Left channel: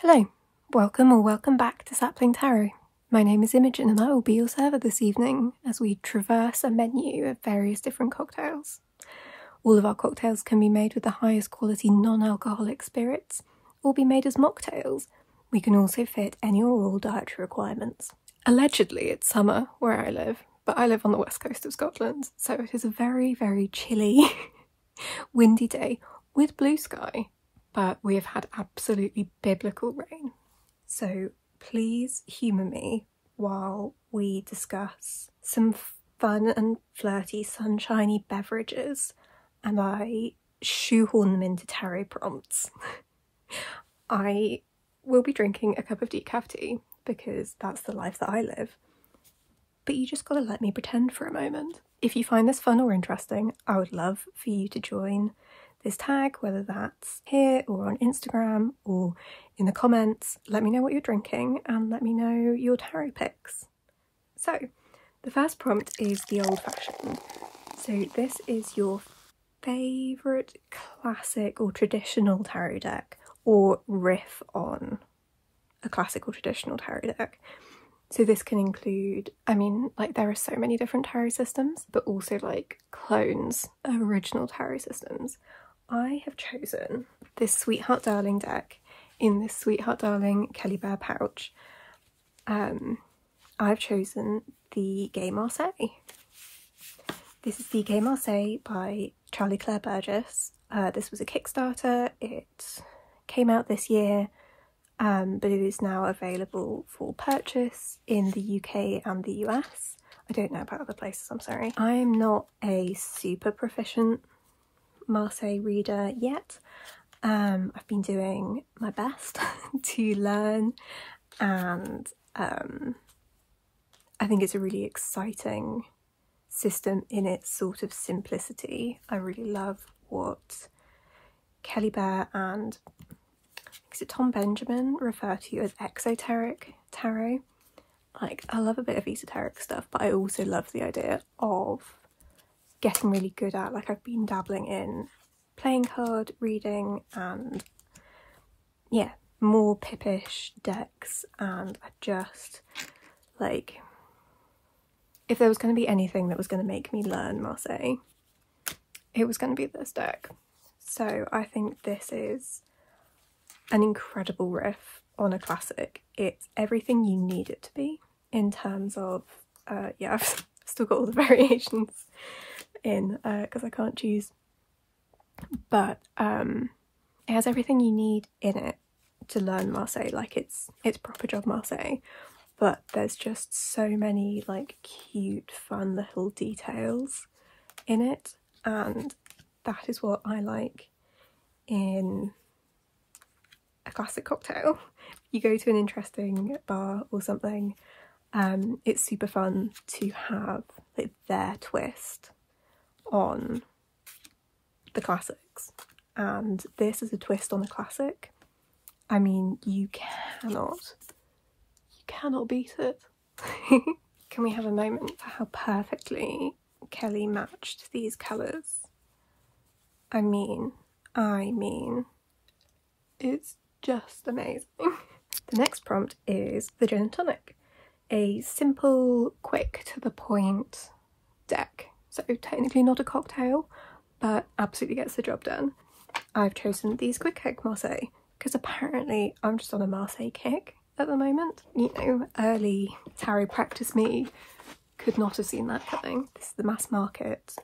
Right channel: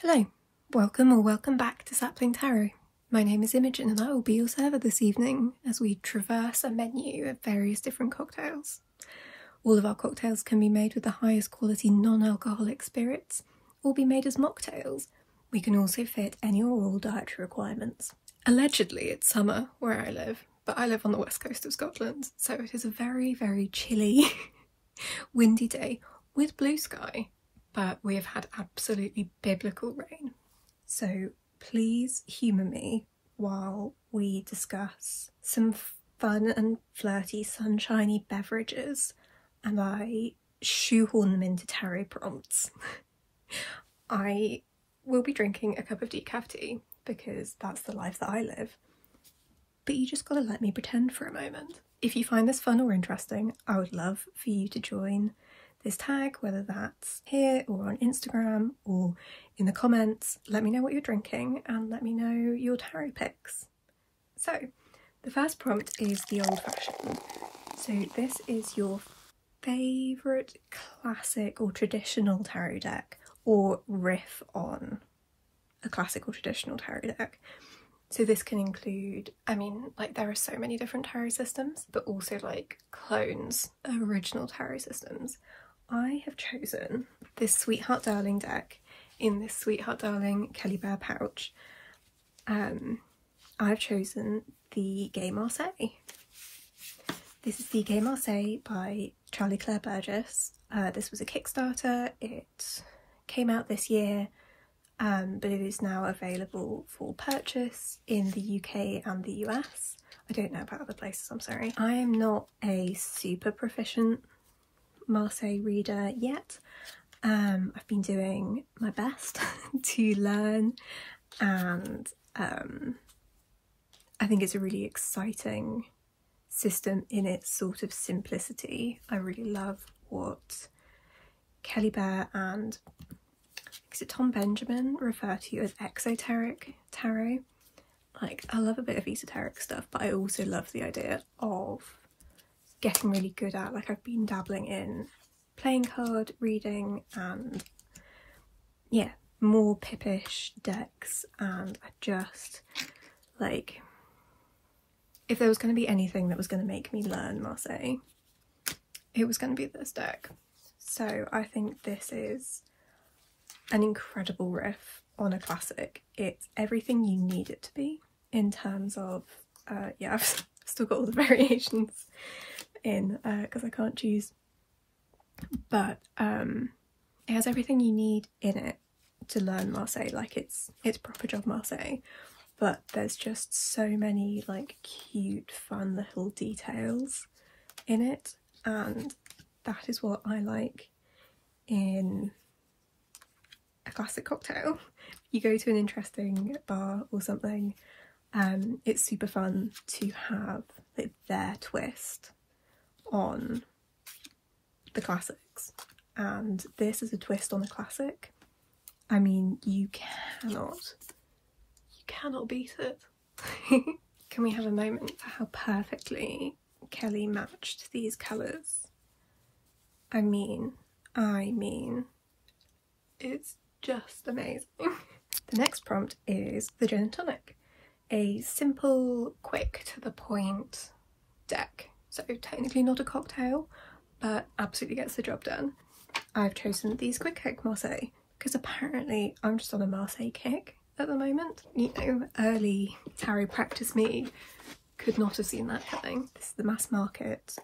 Hello, welcome or welcome back to Sapling Tarot. My name is Imogen and I will be your server this evening as we traverse a menu of various different cocktails. All of our cocktails can be made with the highest quality non-alcoholic spirits or be made as mocktails. We can also fit any or all dietary requirements. Allegedly it's summer where I live, but I live on the west coast of Scotland, so it is a very, very chilly, windy day with blue sky. But we have had absolutely biblical rain. So please humour me while we discuss some fun and flirty sunshiny beverages and I shoehorn them into tarot prompts. I will be drinking a cup of decaf tea because that's the life that I live. But you just gotta let me pretend for a moment. If you find this fun or interesting, I would love for you to join this tag, whether that's here or on Instagram or in the comments. Let me know what you're drinking and let me know your tarot picks. So the first prompt is the old fashioned. So this is your favourite classic or traditional tarot deck, or riff on a classic or traditional tarot deck. So this can include, I mean, like there are so many different tarot systems, but also like clones of original tarot systems. I have chosen this Sweetheart Darling deck in this Sweetheart Darling Kelly Bear pouch. I've chosen the Gay Marseille. This is the Gay Marseille by Charlie Claire Burgess. This was a Kickstarter. It came out this year, but it is now available for purchase in the UK and the US. I don't know about other places, I'm sorry. I'm not a super proficient Marseille reader yet. I've been doing my best to learn, and I think it's a really exciting system in its sort of simplicity. I really love what Kelly Bear and is it Tom Benjamin refer to as exoteric tarot. Like, I love a bit of esoteric stuff, but I also love the idea of getting really good at, like, I've been dabbling in playing card reading and yeah, more pippish decks, and I just, like, if there was going to be anything that was going to make me learn Marseille, it was going to be this deck. So I think this is an incredible riff on a classic. It's everything you need it to be in terms of, yeah, I've still got all the variations in because I can't choose, but it has everything you need in it to learn Marseille. Like, it's proper job Marseille, but there's just so many like cute fun little details in it, and that is what I like in a classic cocktail. You go to an interesting bar or something, it's super fun to have like their twist on the classics, and this is a twist on a classic. I mean, you cannot beat it. Can we have a moment for how perfectly Kelly matched these colours? I mean, it's just amazing. The next prompt is the Gin and Tonic, a simple, quick, to the point deck. So technically not a cocktail, but absolutely gets the job done. I've chosen these Quick Kick Marseille because apparently I'm just on a Marseille kick at the moment. You know, early tarot practice me could not have seen that coming. This is the Mass Market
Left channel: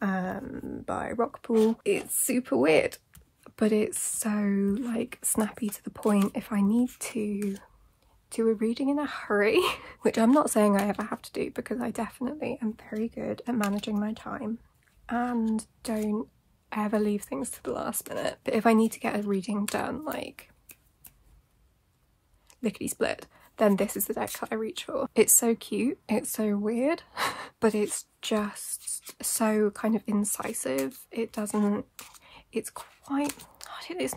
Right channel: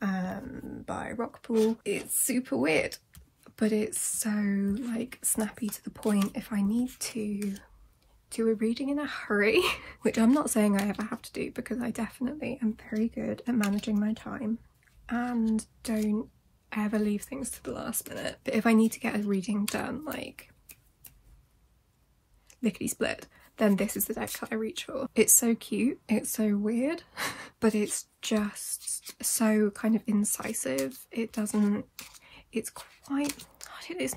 by Rockpool. It's super weird, but it's so like snappy to the point. If I need to do a reading in a hurry, which I'm not saying I ever have to do because I definitely am very good at managing my time and don't ever leave things to the last minute, but if I need to get a reading done like lickety split, then this is the deck that I reach for. It's so cute, it's so weird, but it's just so kind of incisive. It's not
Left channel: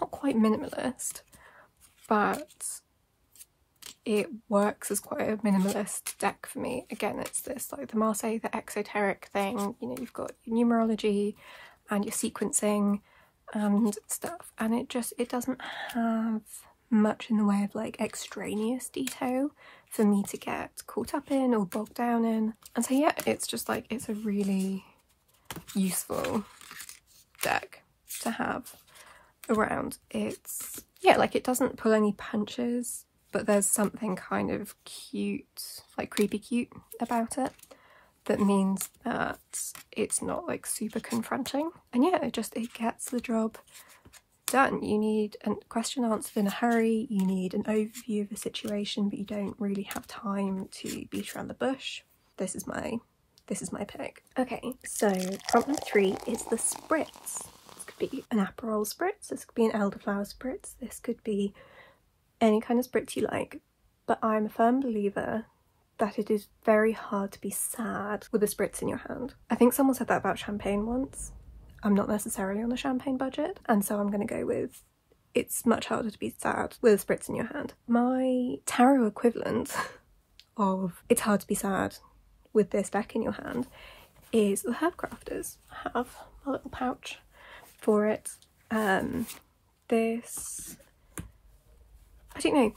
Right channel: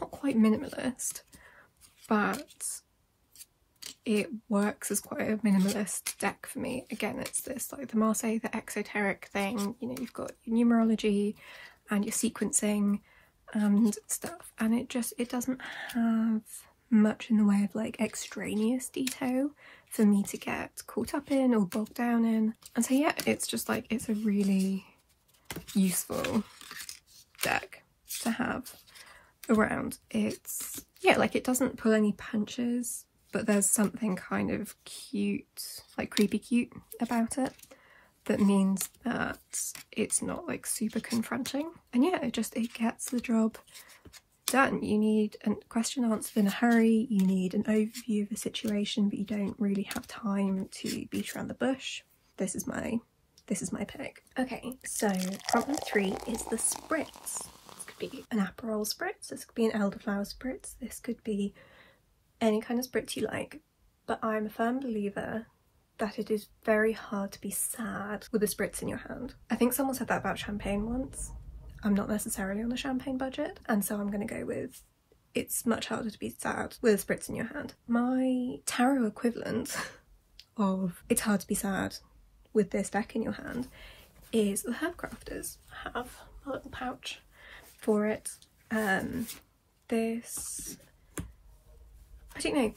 quite minimalist, but it works as quite a minimalist deck for me. Again, it's this like the Marseille, the exoteric thing, you know, you've got your numerology and your sequencing and stuff, and it doesn't have much in the way of like extraneous detail for me to get caught up in or bogged down in. And so yeah, it's just like, it's a really useful deck to have around. It's, yeah, like it doesn't pull any punches, but there's something kind of cute, like creepy cute about it, that means that it's not like super confronting. And yeah, it gets the job done. You need a question answered in a hurry, you need an overview of the situation, but you don't really have time to beat around the bush. This is my pick. Okay, so problem 3 is the spritz. This could be an Aperol spritz, this could be an elderflower spritz, this could be any kind of spritz you like, but I'm a firm believer that it is very hard to be sad with a spritz in your hand. I think someone said that about champagne once. I'm not necessarily on a champagne budget, and so I'm going to go with it's much harder to be sad with a spritz in your hand. My tarot equivalent of it's hard to be sad with this deck in your hand is the Herb Crafters. I have a little pouch for it. This, I don't know,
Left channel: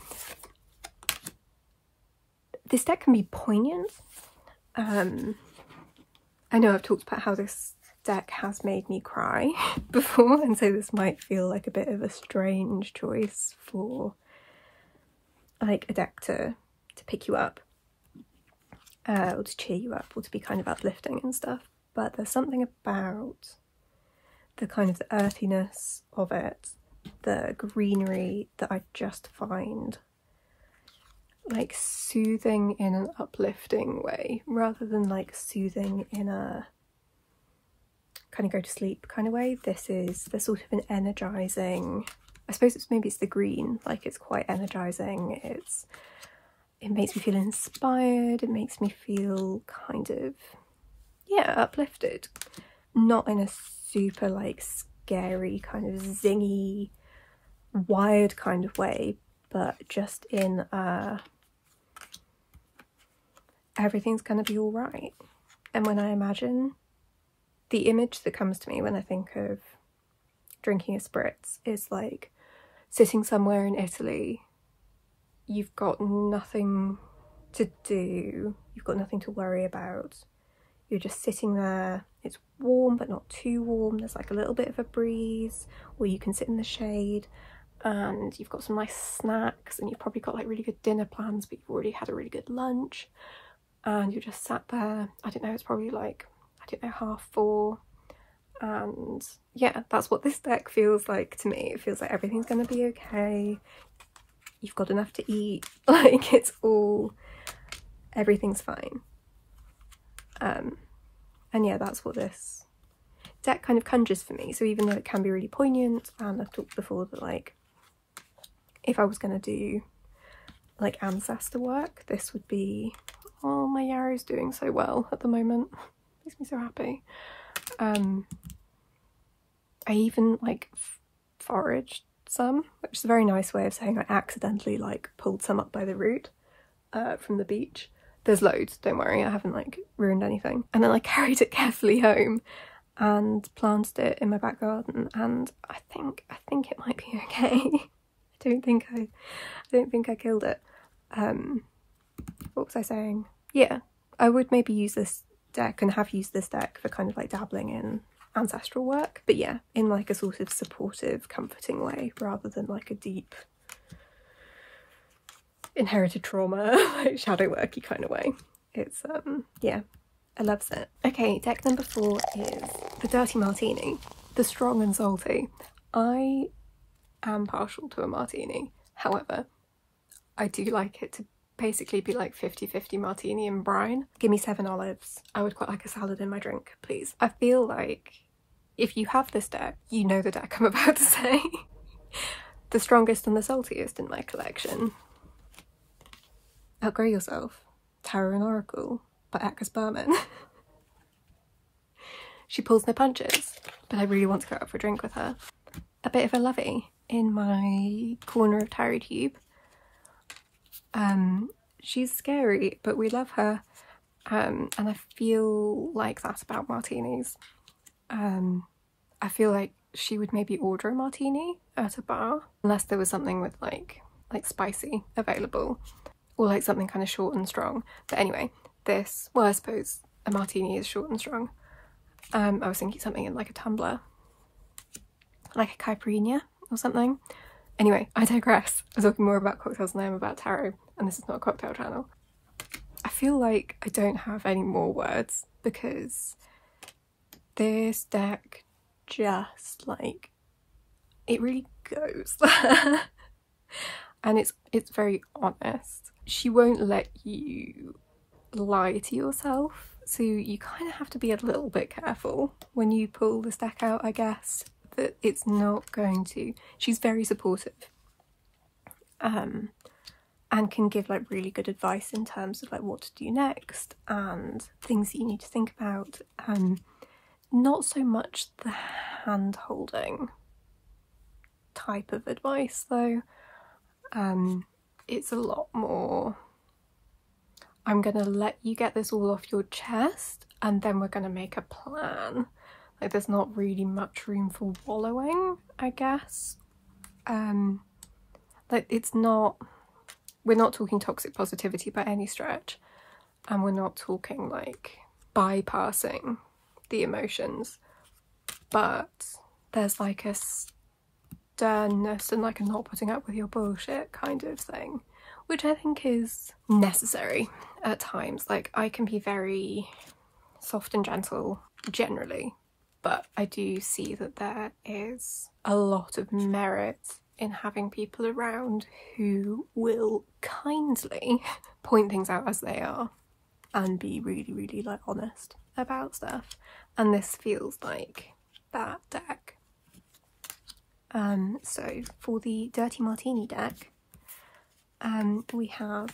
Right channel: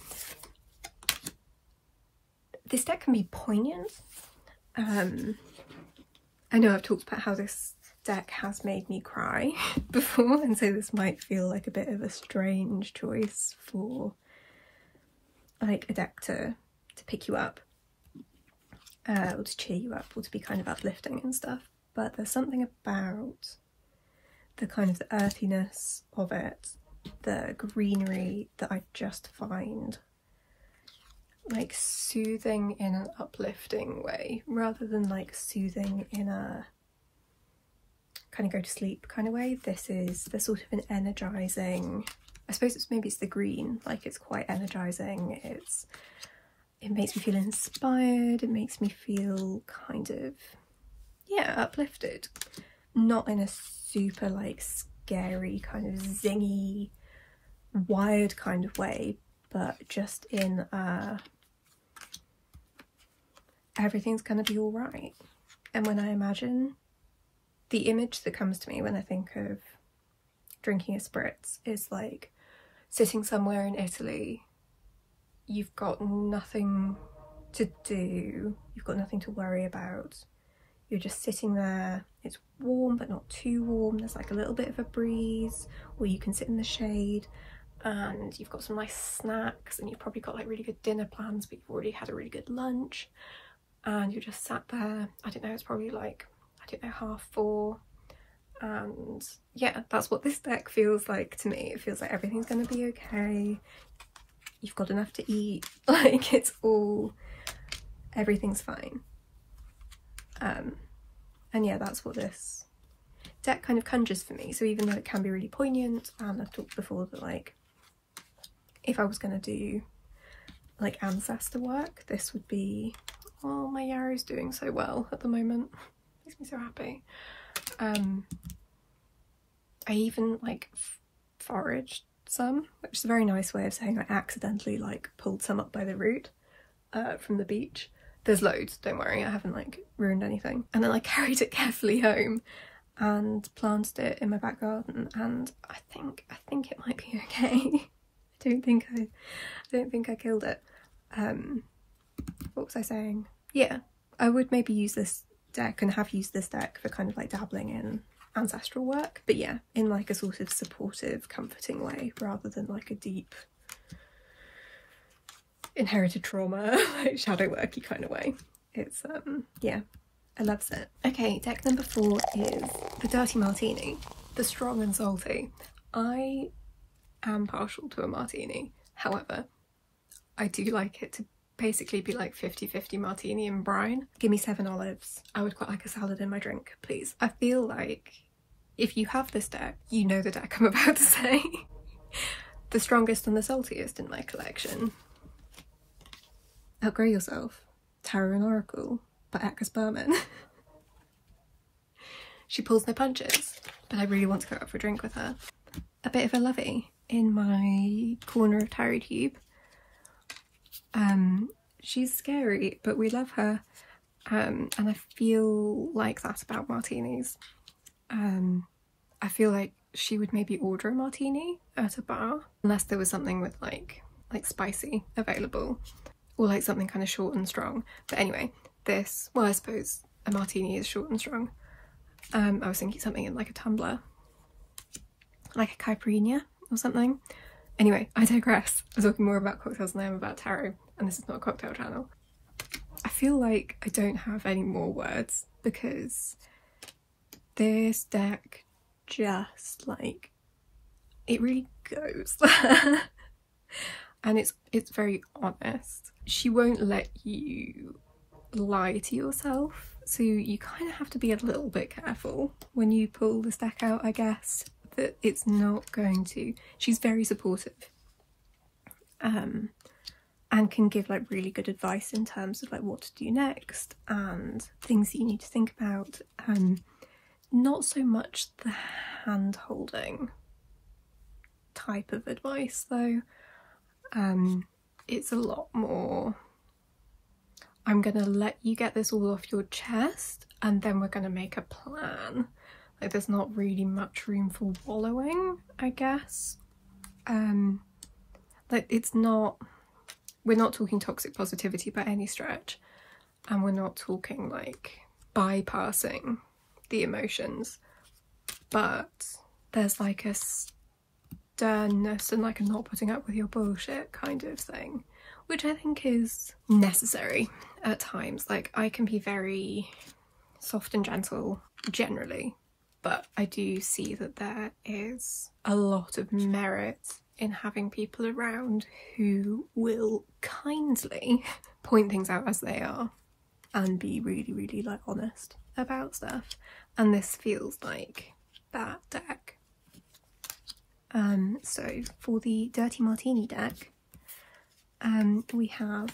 this deck can be poignant. I know I've talked about how this deck has made me cry before, and so this might feel like a bit of a strange choice for like a deck to pick you up, or to cheer you up, or to be kind of uplifting and stuff, but there's something about the kind of the earthiness of it, the greenery, that I just find like soothing in an uplifting way, rather than like soothing in a kind of go to sleep kind of way. This is the sort of an energizing, I suppose maybe it's the green, like it's quite energizing, it makes me feel inspired, it makes me feel kind of, yeah, uplifted. Not in a super like scary kind of zingy, wired kind of way, but just in a everything's gonna be all right. And when I imagine, the image that comes to me when I think of drinking a spritz is like sitting somewhere in Italy, you've got nothing to do, you've got nothing to worry about, you're just sitting there, it's warm but not too warm, there's like a little bit of a breeze, or you can sit in the shade, and you've got some nice snacks, and you've probably got like really good dinner plans, but you've already had a really good lunch, and you're just sat there, I don't know, it's probably like, I don't know, 4:30, and yeah, that's what this deck feels like to me. It feels like everything's gonna be okay, you've got enough to eat, like it's all, everything's fine. And yeah, that's what this deck kind of conjures for me. So even though it can be really poignant, and I've talked before that like if I was gonna do like ancestor work, this would be, oh, my yarrow's doing so well at the moment, makes me so happy. I even like foraged some, which is a very nice way of saying I accidentally like pulled some up by the root from the beach. There's loads, don't worry, I haven't like ruined anything. And then I carried it carefully home and planted it in my back garden, and I think it might be okay. I don't think I killed it. What was I saying? Yeah, I would maybe use this deck, and have used this deck for kind of like dabbling in ancestral work, but yeah, in like a sort of supportive, comforting way, rather than like a deep inherited trauma, like shadow worky kind of way. It's yeah, I loves it. Okay, deck number 4 is the Dirty Martini, the strong and salty. I am partial to a martini, however, I do like it to basically be like 50-50 martini and brine. Give me 7 olives. I would quite like a salad in my drink, please. I feel like if you have this deck, you know the deck I'm about to say. The strongest and the saltiest in my collection. Outgrow Yourself, Tarot and Oracle by Akkas Berman. She pulls no punches, but I really want to go out for a drink with her. A bit of a lovey in my corner of Tarot Cube. She's scary, but we love her, and I feel like that's about martinis. I feel like she would maybe order a martini at a bar, unless there was something with like spicy available, or like something kind of short and strong. But anyway, this, well, I suppose a martini is short and strong. I was thinking something in like a tumbler, like a caipirinha or something. Anyway, I digress. I'm talking more about cocktails than I am about tarot, and this is not a cocktail channel. I feel like I don't have any more words because this deck just like, it really goes. And it's very honest. She won't let you lie to yourself, so you kind of have to be a little bit careful when you pull this deck out, I guess, that it's not going to. She's very supportive, and can give like really good advice in terms of like what to do next and things that you need to think about. Not so much the hand holding type of advice though. It's a lot more, I'm gonna let you get this all off your chest and then we're gonna make a plan. Like, there's not really much room for wallowing, I guess. Like, it's not, we're not talking toxic positivity by any stretch, and we're not talking like bypassing the emotions, but there's like a sternness and like a not putting up with your bullshit kind of thing, which I think is necessary at times. Like, I can be very soft and gentle generally, but I do see that there is a lot of merit in having people around who will kindly point things out as they are and be really, really like honest about stuff. And this feels like that deck. So for the Dirty Martini deck, we have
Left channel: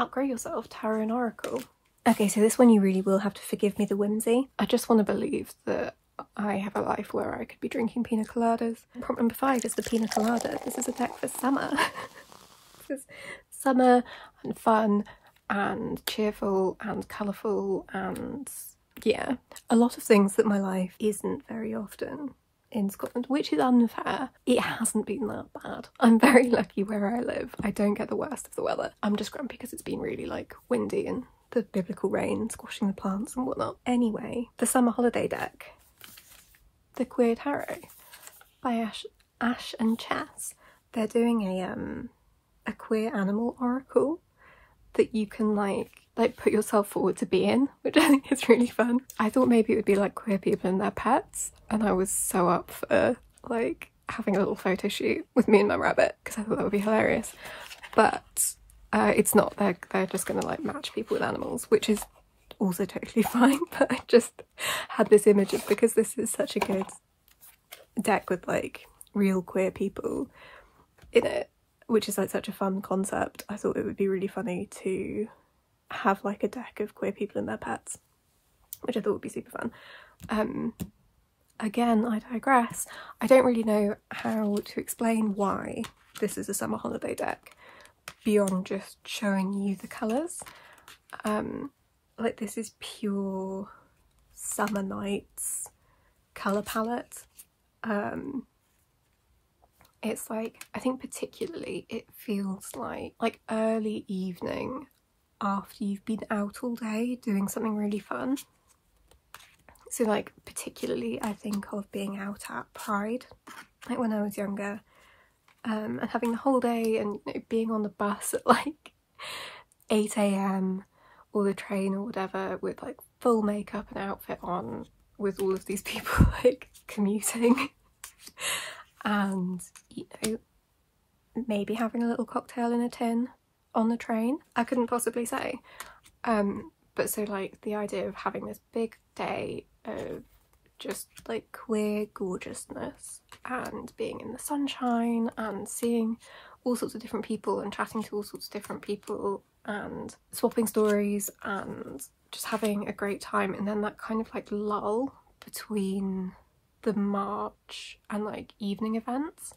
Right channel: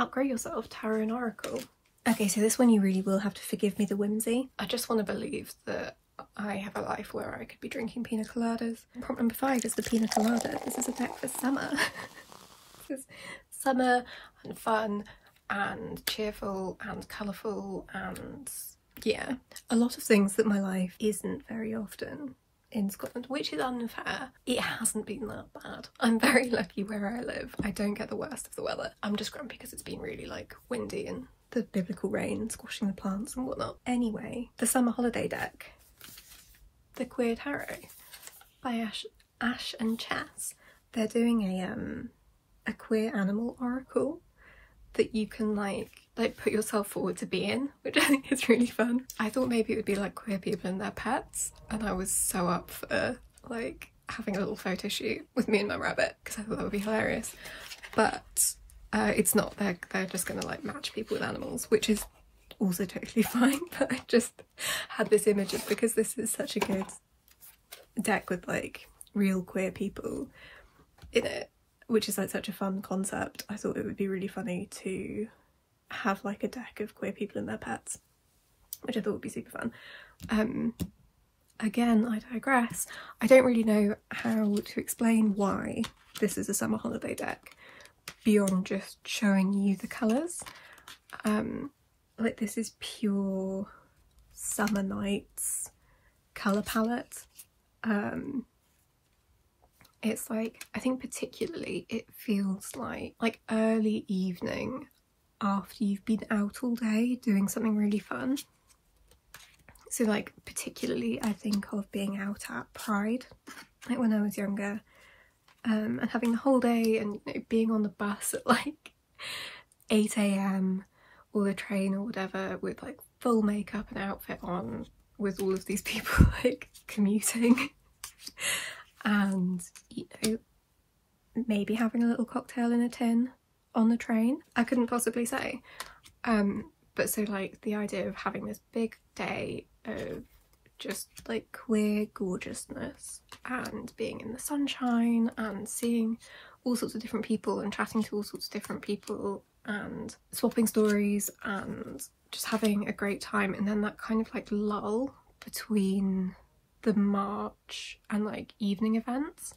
Outgrow Yourself, Tarot and Oracle. Okay, so this one you really will have to forgive me the whimsy. I just want to believe that I have a life where I could be drinking Pina Coladas. Prompt number 5 is the Pina Colada. This is a deck for summer. This is summer and fun and cheerful and colourful and yeah, a lot of things that my life isn't very often in Scotland, which is unfair. It hasn't been that bad. I'm very lucky where I live. I don't get the worst of the weather. I'm just grumpy because it's been really like windy and the biblical rain squashing the plants and whatnot. Anyway, the summer holiday deck, the Queer Tarot by Ash and Chess. They're doing a queer animal oracle that you can like put yourself forward to be in, which I think is really fun. I thought maybe it would be like queer people and their pets, and I was so up for like having a little photo shoot with me and my rabbit because I thought that would be hilarious. But it's not. They're just gonna like match people with animals, which is also totally fine. But I just had this image of, because this is such a good deck with like real queer people in it, which is like such a fun concept. I thought it would be really funny to have like a deck of queer people and their pets, which I thought would be super fun. Again, I digress. I don't really know how to explain why this is a summer holiday deck beyond just showing you the colours. Like, this is pure summer nights colour palette. It's like, I think particularly it feels like early evening after you've been out all day doing something really fun. So like, particularly I think of being out at Pride, like when I was younger, and having the whole day and, you know, being on the bus at like 8 AM or the train or whatever with like full makeup and outfit on, with all of these people like commuting and, you know, maybe having a little cocktail in a tin on the train. I couldn't possibly say. But so like the idea of having this big day of just like queer gorgeousness and being in the sunshine and seeing all sorts of different people and chatting to all sorts of different people and swapping stories and just having a great time, and then that kind of like lull between the march and like evening events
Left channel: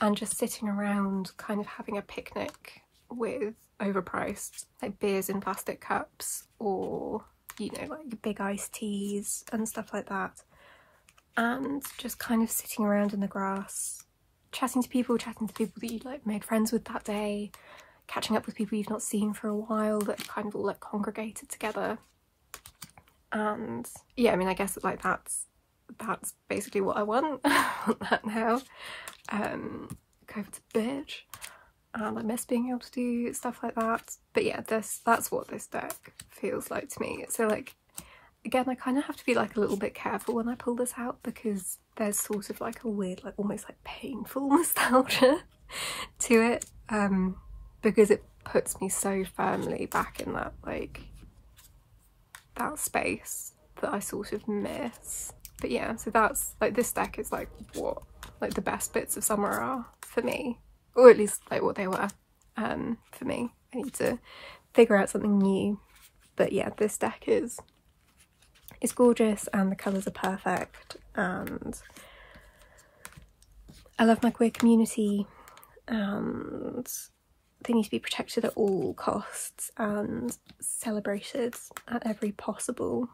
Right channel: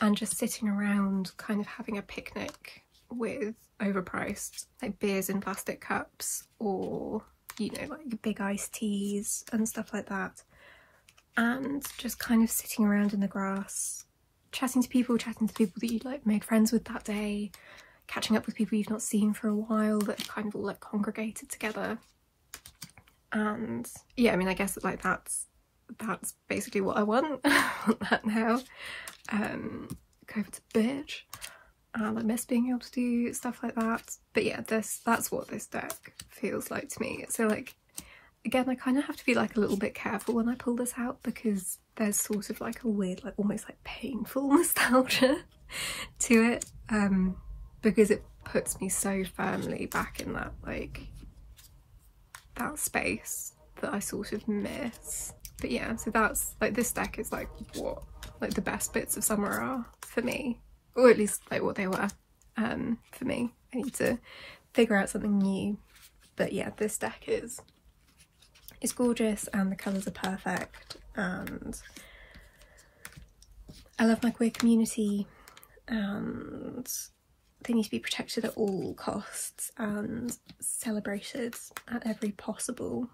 and just sitting around kind of having a picnic with overpriced like beers in plastic cups, or, you know, like big iced teas and stuff like that. and just kind of sitting around in the grass, chatting to people that you like made friends with that day, catching up with people you've not seen for a while that have kind of all like congregated together. And yeah, I mean, I guess like that's basically what I want. I want that now. COVID's a bitch, and I miss being able to do stuff like that. But yeah, that's what this deck feels like to me. So like, again, I kind of have to be like a little bit careful when I pull this out, because there's sort of like a weird, like almost like painful nostalgia to it, because it puts me so firmly back in that like that space that I sort of miss. But yeah, so that's like, this deck is like what like the best bits of summer are for me, or at least like what they were for me. I need to figure out something new, but yeah, this deck is gorgeous and the colours are perfect, and I love my queer community, and they need to be protected at all costs and celebrated at every possible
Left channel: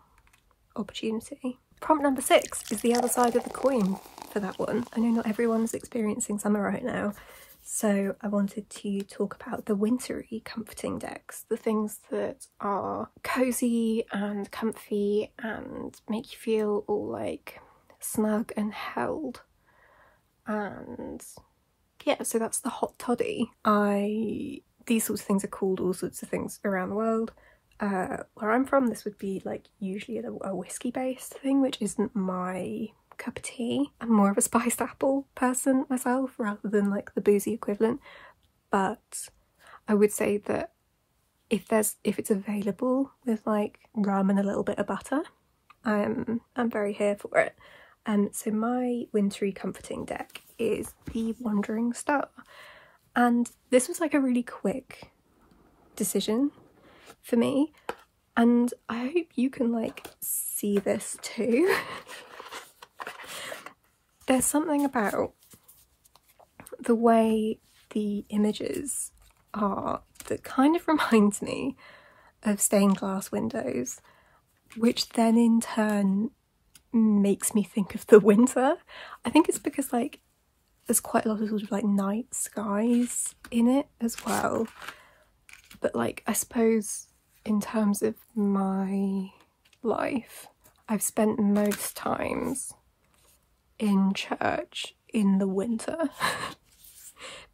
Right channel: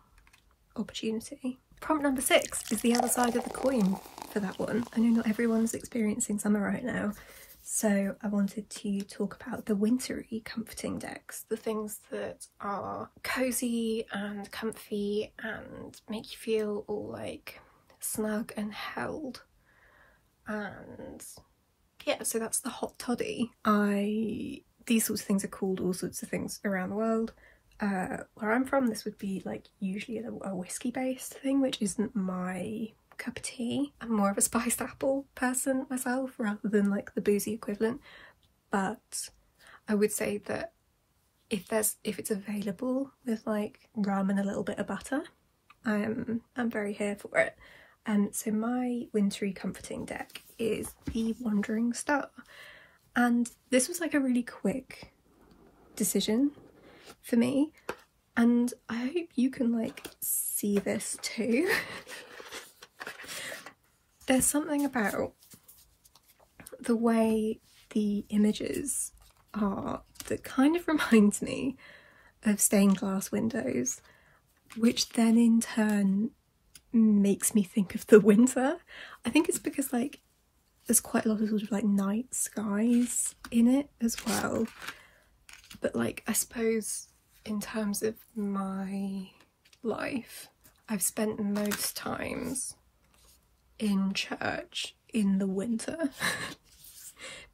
opportunity. Prompt number 6 is the other side of the coin for that one. I know not everyone's experiencing summer right now, so I wanted to talk about the wintry comforting decks, the things that are cozy and comfy and make you feel all like snug and held. And yeah, so that's the hot toddy. These sorts of things are called all sorts of things around the world. Where I'm from, this would be like usually a whiskey based thing, which isn't my cup of tea. I'm more of a spiced apple person myself rather than like the boozy equivalent, but I would say that if it's available with like rum and a little bit of butter, I'm very here for it. So my wintry comforting deck is the Wandering Star, and this was like a really quick decision for me, and I hope you can like see this too. There's something about the way the images are that kind of reminds me of stained glass windows, which then in turn makes me think of the winter. I think it's because like there's quite a lot of sort of like night skies in it as well, but like I suppose in terms of my life, I've spent most times in church in the winter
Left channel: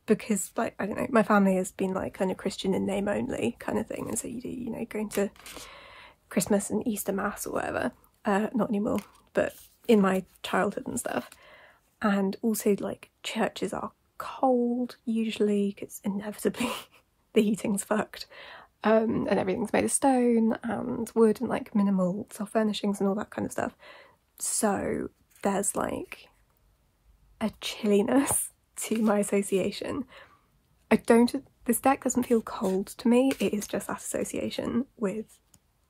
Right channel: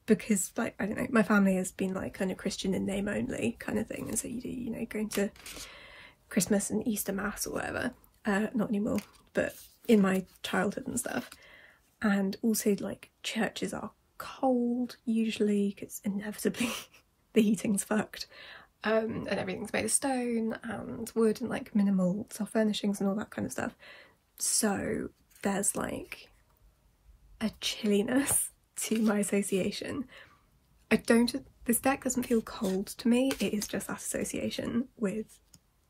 because like, I don't know, my family has been like kind of Christian in name only kind of thing, and so you do, you know, going to Christmas and Easter mass or whatever, not anymore, but in my childhood and stuff. And also like churches are cold usually because inevitably the heating's fucked. And everything's made of stone and wood and like minimal soft furnishings and all that kind of stuff. So there's like a chilliness to my association. This deck doesn't feel cold to me, it is just that association with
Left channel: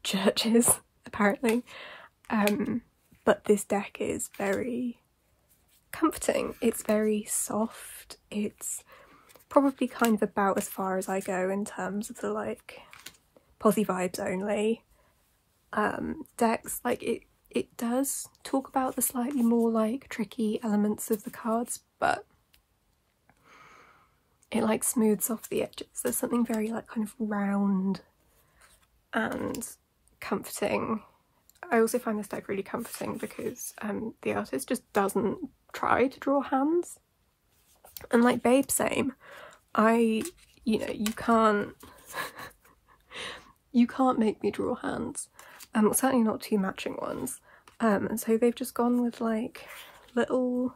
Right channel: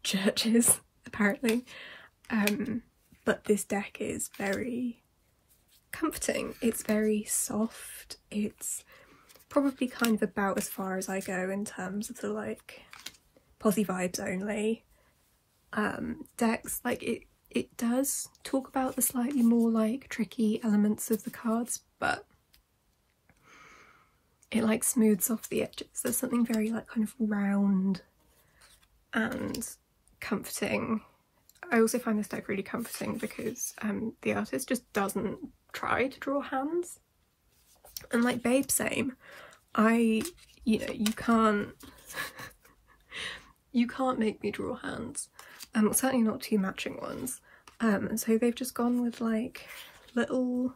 churches apparently. But this deck is very comforting, it's very soft, it's probably kind of about as far as I go in terms of the like posy vibes only decks. Like it does talk about the slightly more like tricky elements of the cards, but it like smooths off the edges. There's something very like kind of round and comforting. I also find this deck really comforting because the artist just doesn't try to draw hands. And like Babe, same. You know, you can't make me draw hands. Certainly not two matching ones. And so they've just gone with like little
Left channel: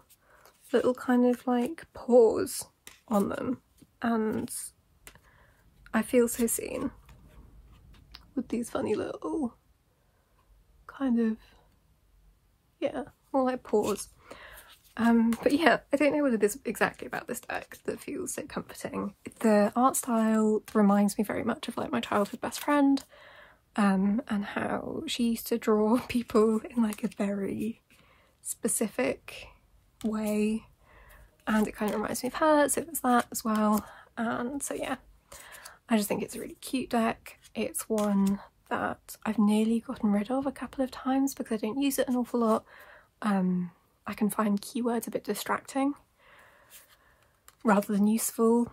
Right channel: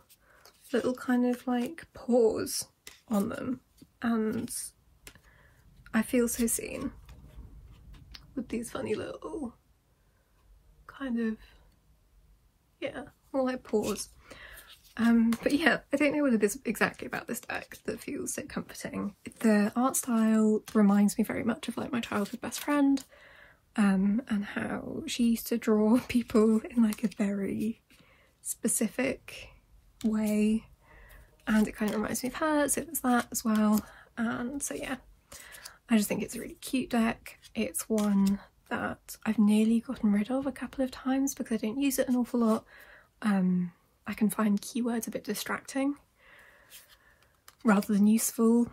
kind of like paws on them, and I feel so seen with these funny little kind of, yeah, more like paws. But yeah, I don't know what it is exactly about this deck that feels so comforting. The art style reminds me very much of like my childhood best friend, and how she used to draw people in like a very specific way, and it kind of reminds me of her, so there's that as well. And so yeah, I just think it's a really cute deck. It's one that I've nearly gotten rid of a couple of times because I don't use it an awful lot. I can find keywords a bit distracting rather than useful.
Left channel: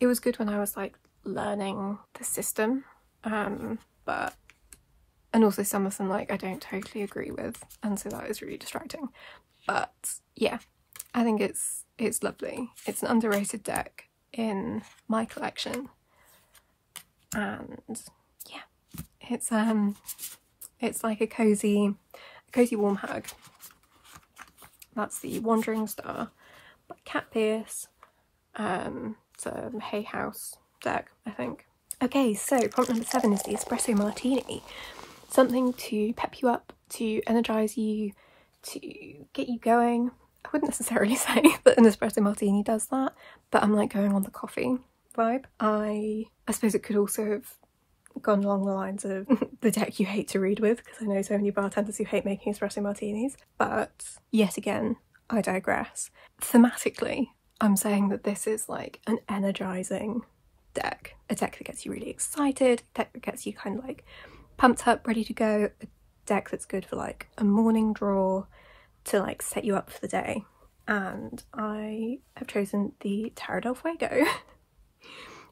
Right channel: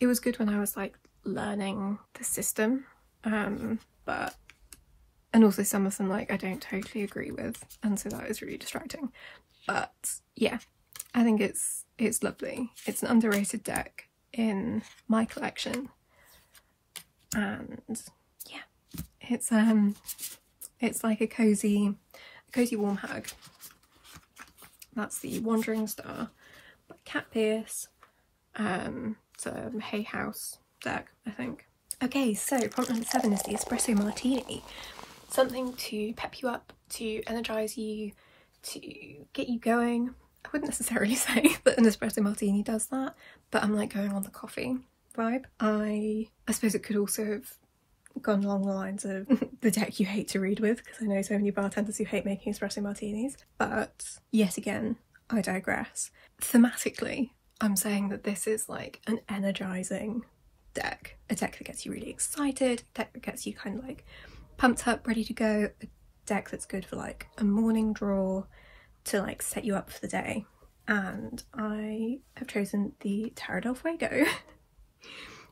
It was good when I was like learning the system, but and also some of them like I don't totally agree with, and so that is really distracting. But yeah, I think it's lovely. It's an underrated deck in my collection, and yeah, it's like a cozy warm hug. That's the Wandering Star by Cat Pierce. It's a Hay House deck, I think. Okay, so prompt number 7 is the Espresso Martini. Something to pep you up, to energise you, to get you going. I wouldn't necessarily say that an Espresso Martini does that, but I'm like going on the coffee vibe. I suppose it could also have gone along the lines of the deck you hate to read with, because I know so many bartenders who hate making espresso martinis. But yet again, I digress. Thematically, I'm saying that this is like an energising deck. A deck that gets you really excited, a deck that gets you kind of like pumped up, ready to go, a deck that's good for like a morning draw to like set you up for the day. And I have chosen the Tarot del Fuego,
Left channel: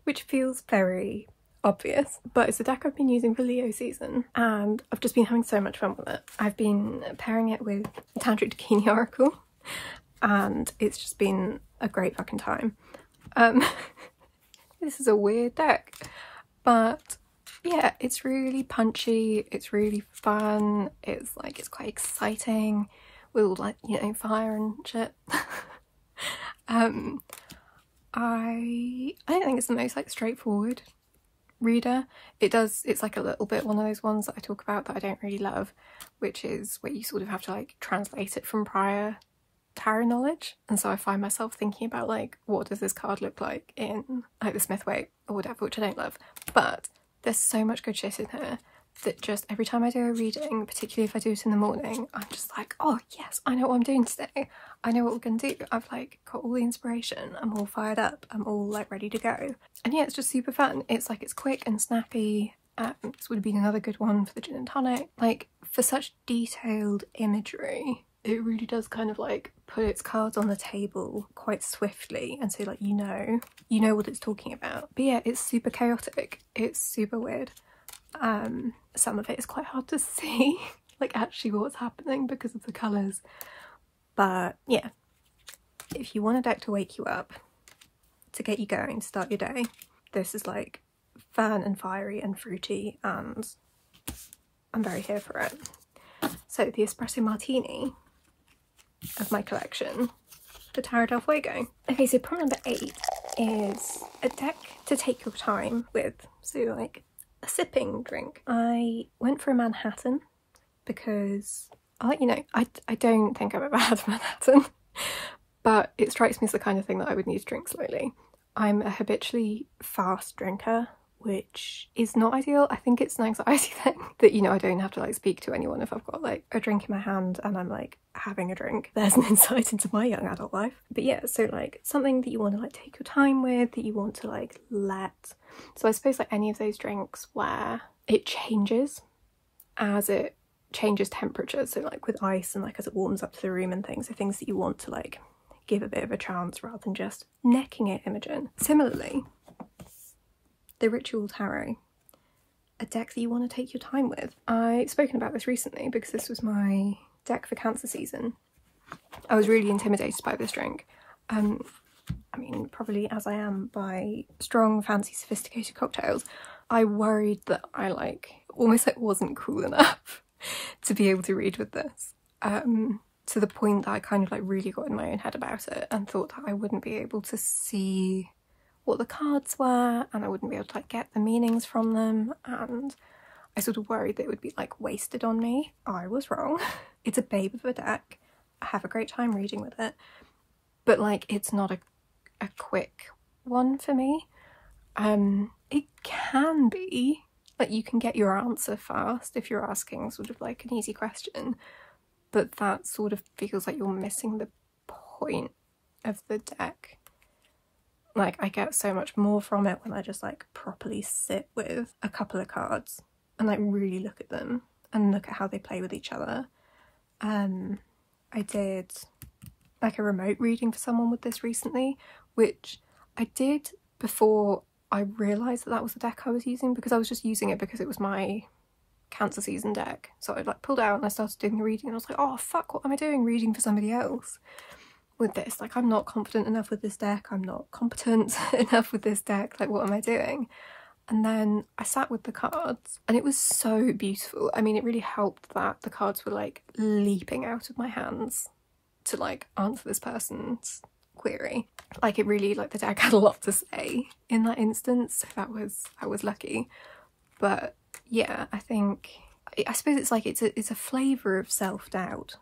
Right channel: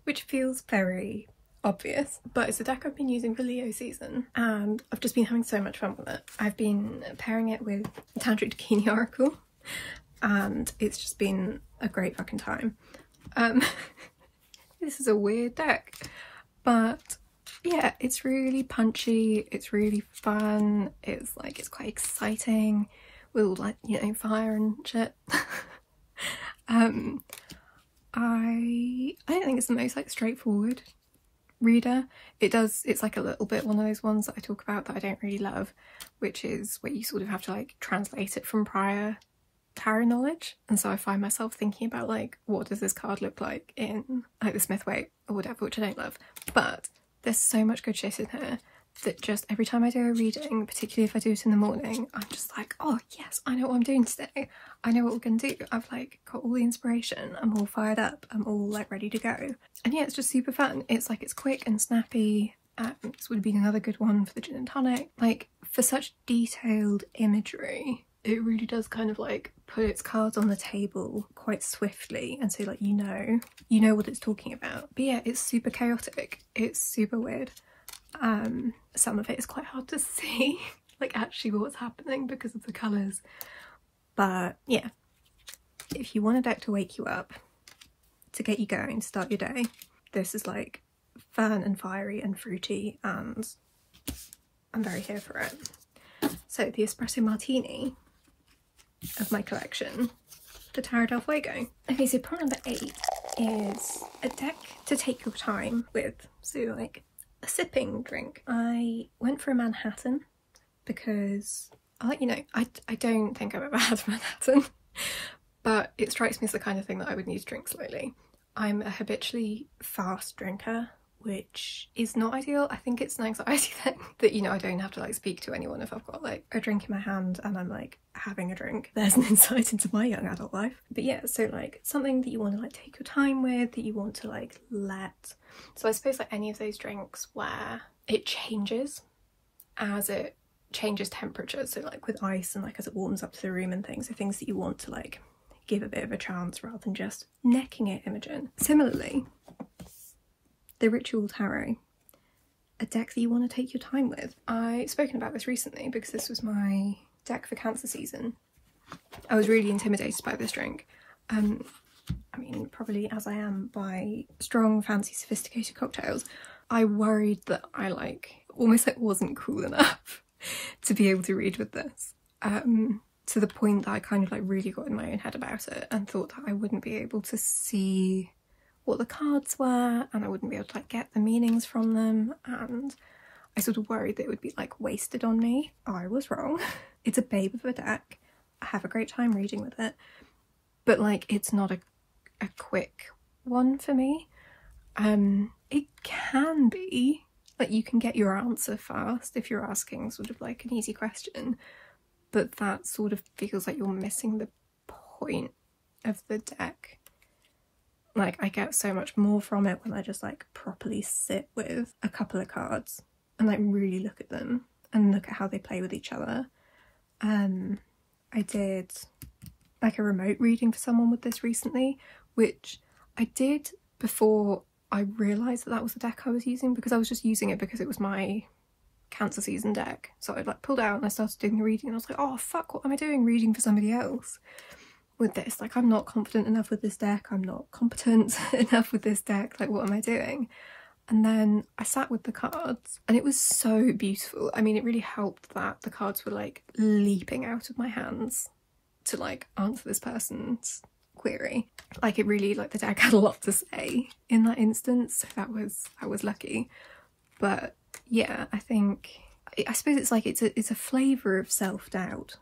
which feels very obvious, but it's a deck I've been using for Leo season and I've just been having so much fun with it. I've been pairing it with Tantric Dakini Oracle and it's just been a great fucking time. This is a weird deck, but yeah, it's really punchy, it's really fun, it's like, it's quite exciting with all like, you know, fire and shit. I don't think it's the most like straightforward reader. It's like a little bit one of those ones that I talk about that I don't really love, which is where you sort of have to like translate it from prior tarot knowledge, and so I find myself thinking about like, what does this card look like in like the Smith-Waite or whatever, which I don't love. But there's so much good shit in here that just every time I do a reading, particularly if I do it in the morning, I'm just like, oh yes, I know what I'm doing today, I know what we're gonna do, I've like got all the inspiration, I'm all fired up, I'm all like ready to go. And yeah, it's just super fun. It's like, it's quick and snappy. This would have been another good one for the gin and tonic. Like, for such detailed imagery, it really does kind of like put its cards on the table quite swiftly, and so like you know what it's talking about. But yeah, it's super chaotic, it's super weird. Some of it is quite hard to see like actually what's happening because of the colours, but yeah, if you want a deck to wake you up, to get you going, to start your day, this is like fun and fiery and fruity, and I'm very here for it. So the Espresso Martini of my collection, the Tarot del Fuego. Okay, so prompt number 8 is a deck to take your time with, so like a sipping drink. I went for a Manhattan because I'll let you know, I don't think I've ever had a Manhattan, but it strikes me as the kind of thing that I would need to drink slowly. I'm a habitually fast drinker, which is not ideal. I think it's an anxiety thing that, you know, I don't have to like speak to anyone if I've got like a drink in my hand and I'm like having a drink. There's an insight into my young adult life. But yeah, so like something that you want to like take your time with, that you want to like let. So I suppose like any of those drinks where it changes as it changes temperature, so like with ice and like as it warms up to the room and things, so things that you want to like give a bit of a chance rather than just necking it, Imogen. Similarly, the Ritual Tarot, a deck that you want to take your time with. I've spoken about this recently because this was my deck for Cancer season. I was really intimidated by this drink. I mean, probably as I am by strong, fancy, sophisticated cocktails. I worried that I like almost like wasn't cool enough to be able to read with this. To the point that I kind of like really got in my own head about it and thought that I wouldn't be able to see what the cards were and I wouldn't be able to like get the meanings from them, and I sort of worried that it would be like wasted on me. I was wrong. It's a babe of a deck. I have a great time reading with it, but like it's not a quick one for me. It can be like you can get your answer fast if you're asking sort of like an easy question, but that sort of feels like you're missing the point of the deck. Like, I get so much more from it when I just like properly sit with a couple of cards and like really look at them and look at how they play with each other. I did like a remote reading for someone with this recently, which I did before I realised that that was the deck I was using, because I was just using it because it was my Cancer season deck. So I like pulled out and I started doing the reading and I was like, oh fuck, what am I doing reading for somebody else with this? Like, I'm not confident enough with this deck, I'm not competent enough with this deck, like what am I doing? And then I sat with the cards and it was so beautiful. I mean, it really helped that the cards were like leaping out of my hands to like answer this person's query. Like, it really, like, the deck had a lot to say in that instance. I was lucky. But yeah, I suppose it's like it's a flavour of self-doubt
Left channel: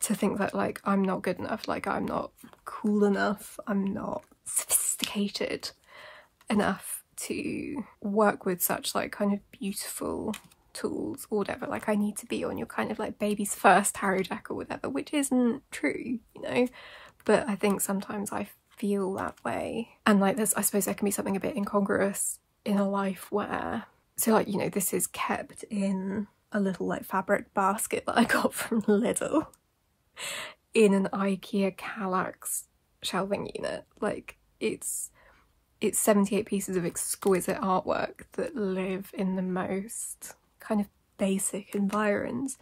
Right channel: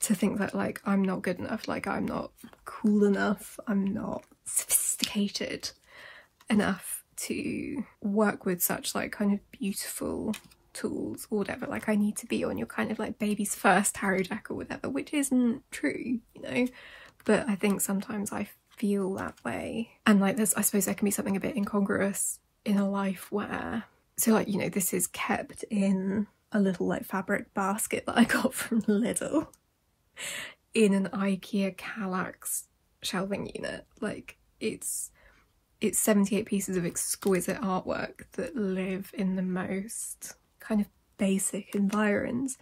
to think that like I'm not good enough, like I'm not cool enough, I'm not sophisticated enough to work with such like kind of beautiful tools or whatever. Like, I need to be on your kind of like baby's first tarot deck or whatever, which isn't true, you know. But I think sometimes I feel that way, and like I suppose there can be something a bit incongruous in a life where, so like, you know, this is kept in a little like fabric basket that I got from Lidl in an IKEA Kallax shelving unit. Like, it's 78 pieces of exquisite artwork that live in the most kind of basic environs,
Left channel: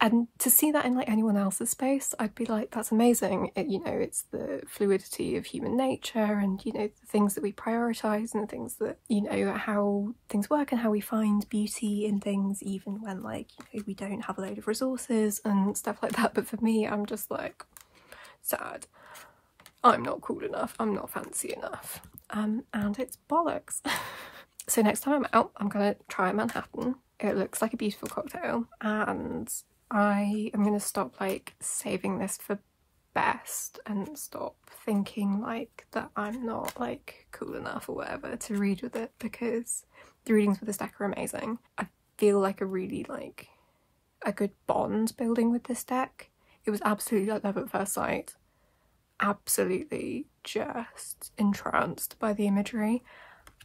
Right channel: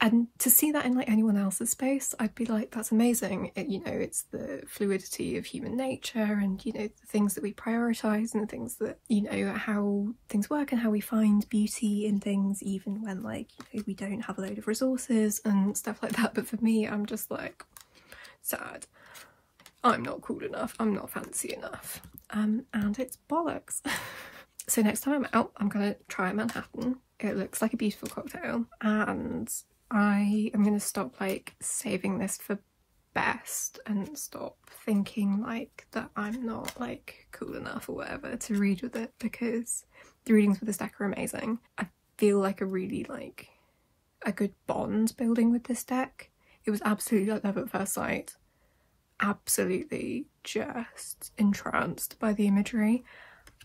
and to see that in like anyone else's space, I'd be like, that's amazing. You know, it's the fluidity of human nature, and you know, the things that we prioritise and the things that, you know, how things work and how we find beauty in things even when like, you know, we don't have a load of resources and stuff like that. But for me, I'm just like, sad. I'm not cool enough, I'm not fancy enough, and it's bollocks. So next time I'm out, I'm gonna try a Manhattan. It looks like a beautiful cocktail, and I am gonna stop like saving this for best and stop thinking like that I'm not like cool enough or whatever to read with it, because the readings with this deck are amazing. I feel like a really like a good bond building with this deck. It was absolutely like love at first sight. Absolutely just entranced by the imagery,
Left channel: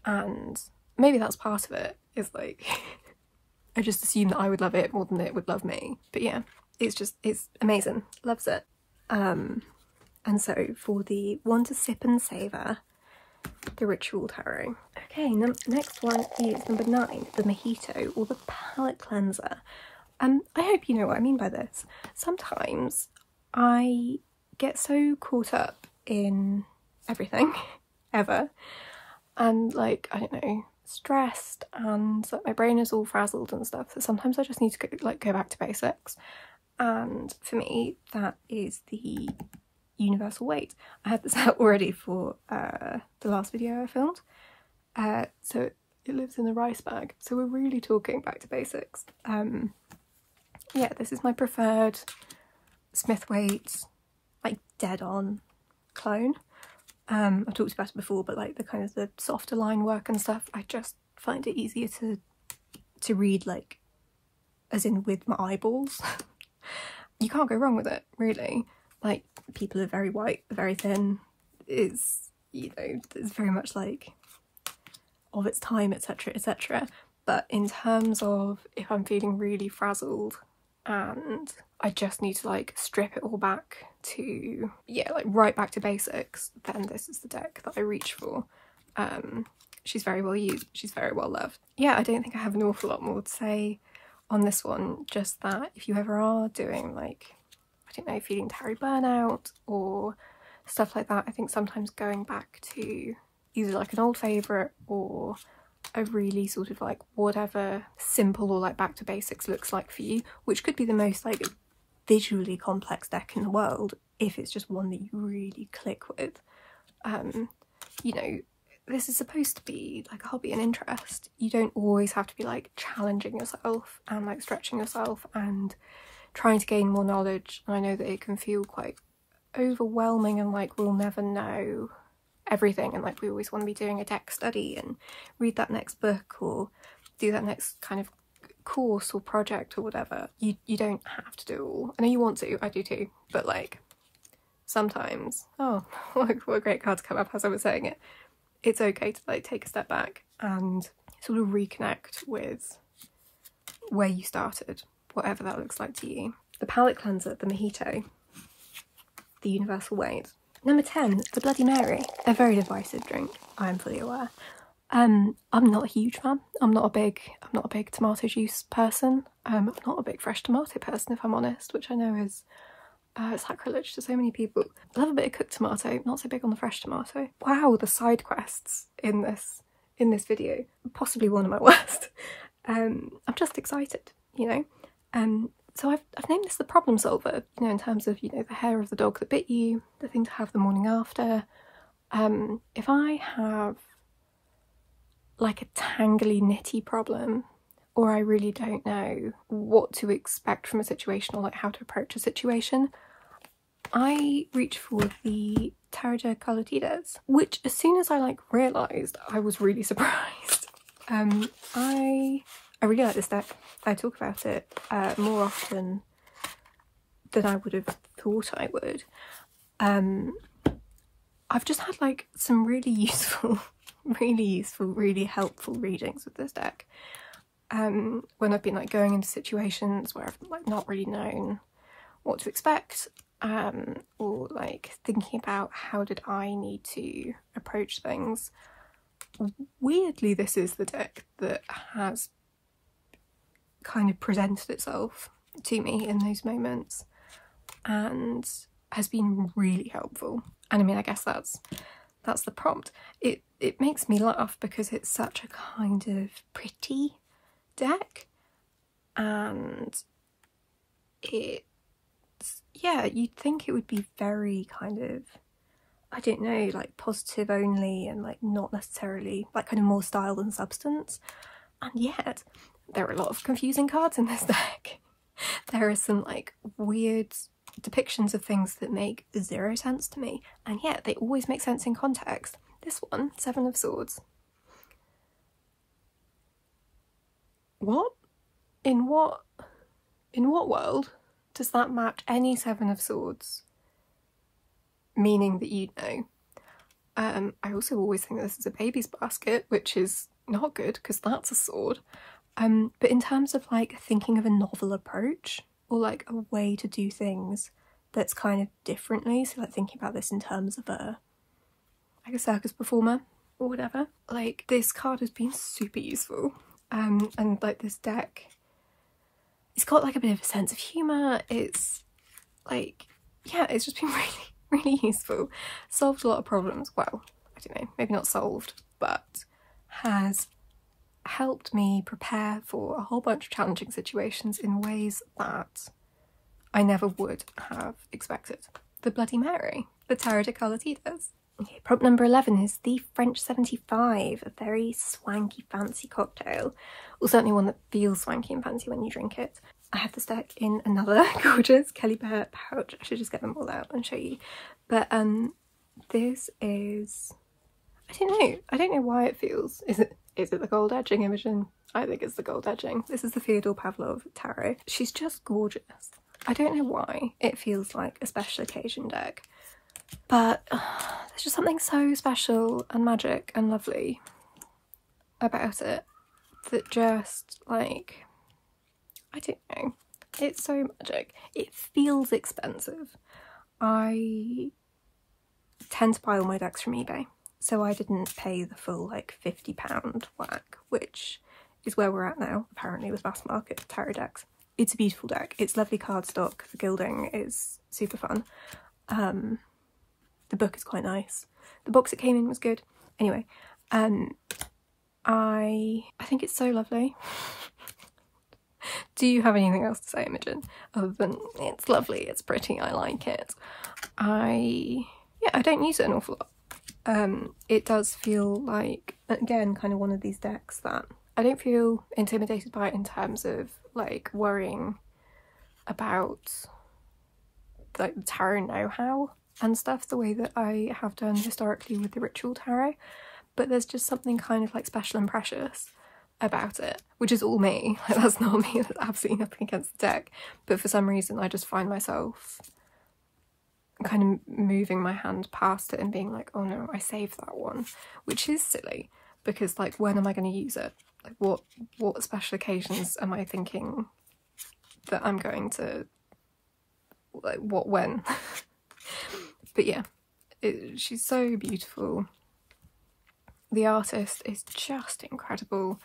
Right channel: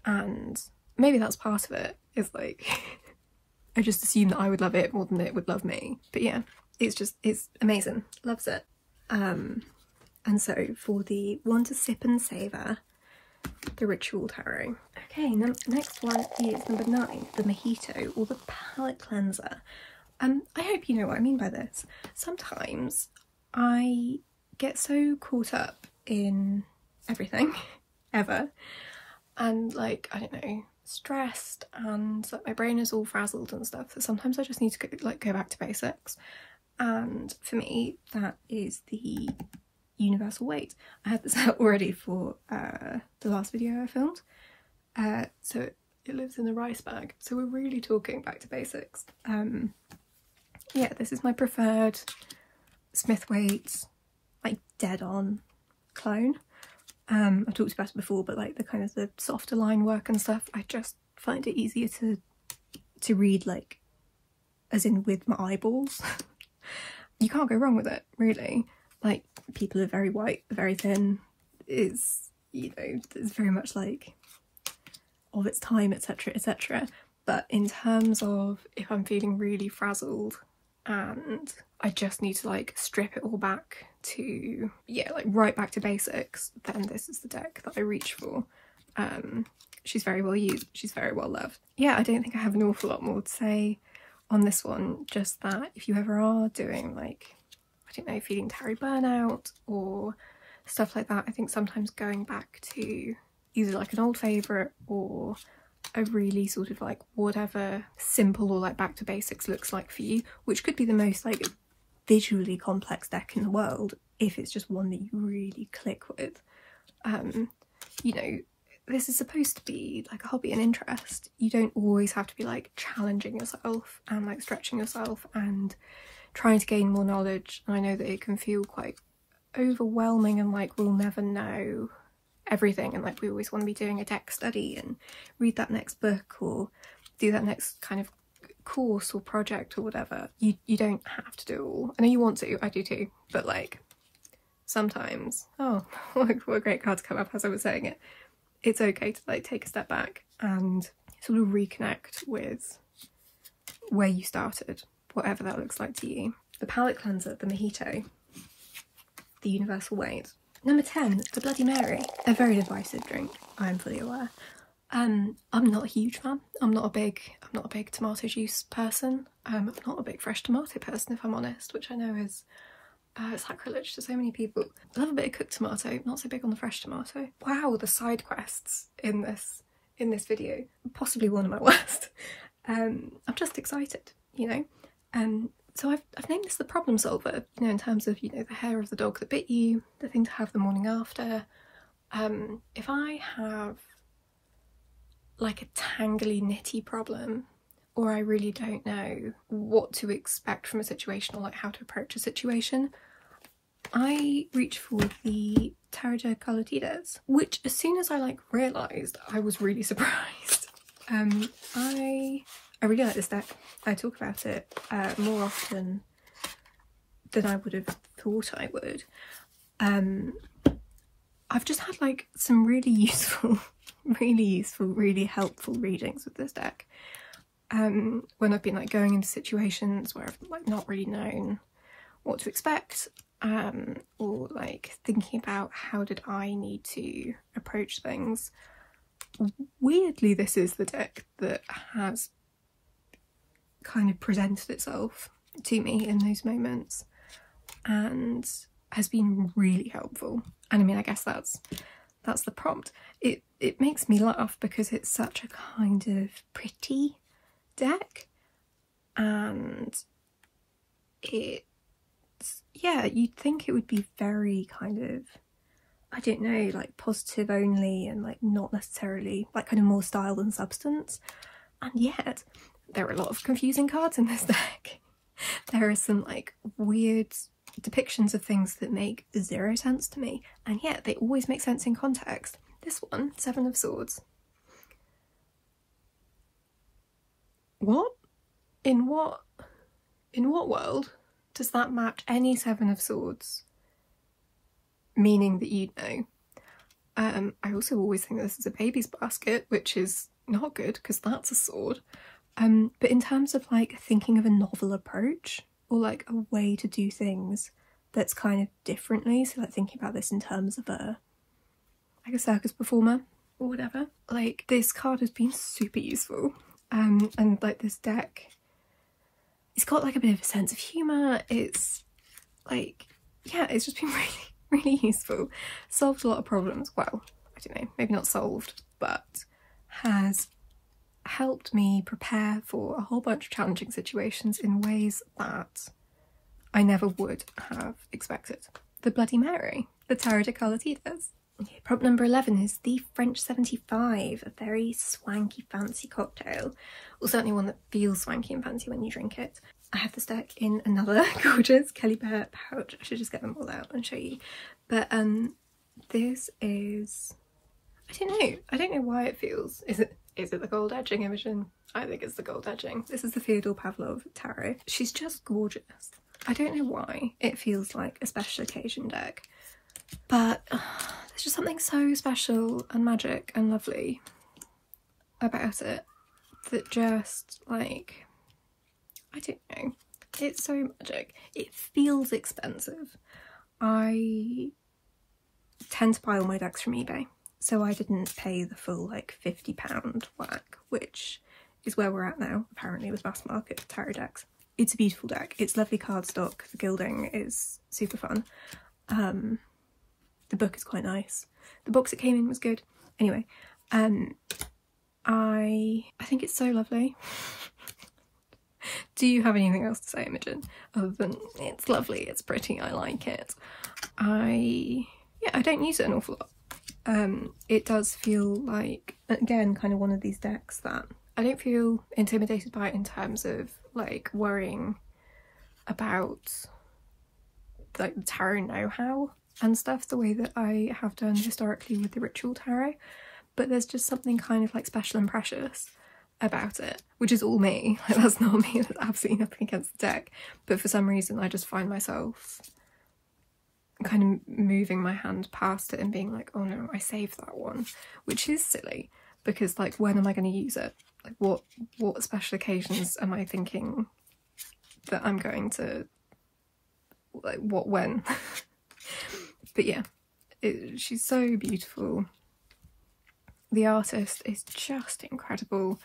and maybe that's part of it, is like I just assumed that I would love it more than it would love me. But yeah, it's amazing, loves it. And so for the one to sip and savour, the Ritual Tarot. Okay, next one is number 9, the Mojito, or the palate cleanser. I hope you know what I mean by this. Sometimes I get so caught up in everything ever, and like, I don't know, stressed, and like my brain is all frazzled and stuff, so sometimes I just need to go back to basics. And for me, that is the universal weight. I had this out already for the last video I filmed, so it lives in a rice bag, so we're really talking back to basics. Yeah, this is my preferred Smithwaite, like dead on clone. I've talked about it before, but like the kind of the softer line work and stuff, I just find it easier to read, like as in with my eyeballs. You can't go wrong with it, really. Like, people are very white, very thin, is, you know, it's very much like of its time, etc, etc. But in terms of if I'm feeling really frazzled and I just need to like strip it all back to, yeah, like right back to basics, then this is the deck that I reach for. She's very well used, she's very well loved. Yeah, I don't think I have an awful lot more to say on this one, just that if you ever are doing like, I don't know, feeling tarot burnout or stuff like that, I think sometimes going back to either like an old favourite or a really sort of like whatever simple or like back to basics looks like for you, which could be the most like visually complex deck in the world if it's just one that you really click with. You know, this is supposed to be like a hobby and interest. You don't always have to be like challenging yourself and like stretching yourself and trying to gain more knowledge. And I know that it can feel quite overwhelming and like we'll never know everything, and like we always want to be doing a deck study and read that next book or do that next kind of course or project or whatever. You don't have to do it all. I know you want to, I do too, but like sometimes, oh, what a great card to come up as I was saying it. It's okay to like take a step back and sort of reconnect with where you started, whatever that looks like to you. the palate cleanser, the Mojito, the universal ways. Number 10, the Bloody Mary. A very divisive drink, I am fully aware. I'm not a huge fan. I'm not a big tomato juice person. I'm not a big fresh tomato person, if I'm honest, which I know is sacrilege to so many people. I love a bit of cooked tomato, not so big on the fresh tomato. Wow, the side quests in this video, possibly one of my worst. I'm just excited, you know. So I've named this the problem solver, you know, in terms of, you know, the hair of the dog that bit you, the thing to have the morning after. If I have like a tangly knitty problem, or I really don't know what to expect from a situation or like how to approach a situation, I reach for the Tarot de Coloridas, which as soon as I like realised, I was really surprised. I really like this deck. I talk about it more often than I would have thought I would. I've just had like some really useful, really helpful readings with this deck. When I've been like going into situations where I've like not really known what to expect, or like thinking about how did I need to approach things. Weirdly, this is the deck that has kind of presented itself to me in those moments and has been really helpful. And I mean, I guess that's the prompt. It makes me laugh because it's such a kind of pretty deck, and yeah, you'd think it would be very kind of, I don't know, like positive only and like not necessarily like kind of more style than substance. And yet there are a lot of confusing cards in this deck. There are some like weird depictions of things that make zero sense to me, and yet they always make sense in context. This one, Seven of Swords. What? In what world does that match any Seven of Swords meaning that you know? I also always think this is a baby's basket, which is not good because that's a sword. But in terms of like thinking of a novel approach or like a way to do things that's kind of differently, so like thinking about this in terms of like a circus performer or whatever, like this card has been super useful. And like this deck, it's got like a bit of a sense of humour. It's like, yeah, it's just been really useful. Solved a lot of problems. Well, I don't know, maybe not solved, but has helped me prepare for a whole bunch of challenging situations in ways that I never would have expected. The Bloody Mary, the Tarot de Coloridas. Okay, prompt number 11 is the French 75, a very swanky, fancy cocktail, or certainly one that feels swanky and fancy when you drink it. I have this deck in another gorgeous Kelly Bear pouch. I should just get them all out and show you. But this is, I don't know why it feels. Is it the gold edging, Imogen? I think it's the gold edging. This is the Fyodor Pavlov tarot. She's just gorgeous. I don't know why it feels like a special occasion deck, but there's just something so special and magic and lovely about it that just like, I don't know, it's so magic. It feels expensive. I tend to buy all my decks from eBay, so I didn't pay the full like £50 whack, which is where we're at now apparently with mass market tarot decks. It's a beautiful deck. It's lovely cardstock. The gilding is super fun. The book is quite nice. The box it came in was good. Anyway, I think it's so lovely. Do you have anything else to say, Imogen? Other than it's lovely, it's pretty, I like it. I don't use it an awful lot. It does feel like, again, kind of one of these decks that I don't feel intimidated by it in terms of like worrying about like the tarot know-how and stuff the way that I have done historically with the ritual tarot, but there's just something kind of like special and precious about it, which is all me. Like, that's not me, there's absolutely nothing against the deck, but for some reason I just find myself kind of moving my hand past it and being like, oh no, I saved that one, which is silly because like when am I going to use it? Like what special occasions am I thinking that I'm going to like what when. But yeah, she's so beautiful. The artist is just incredible.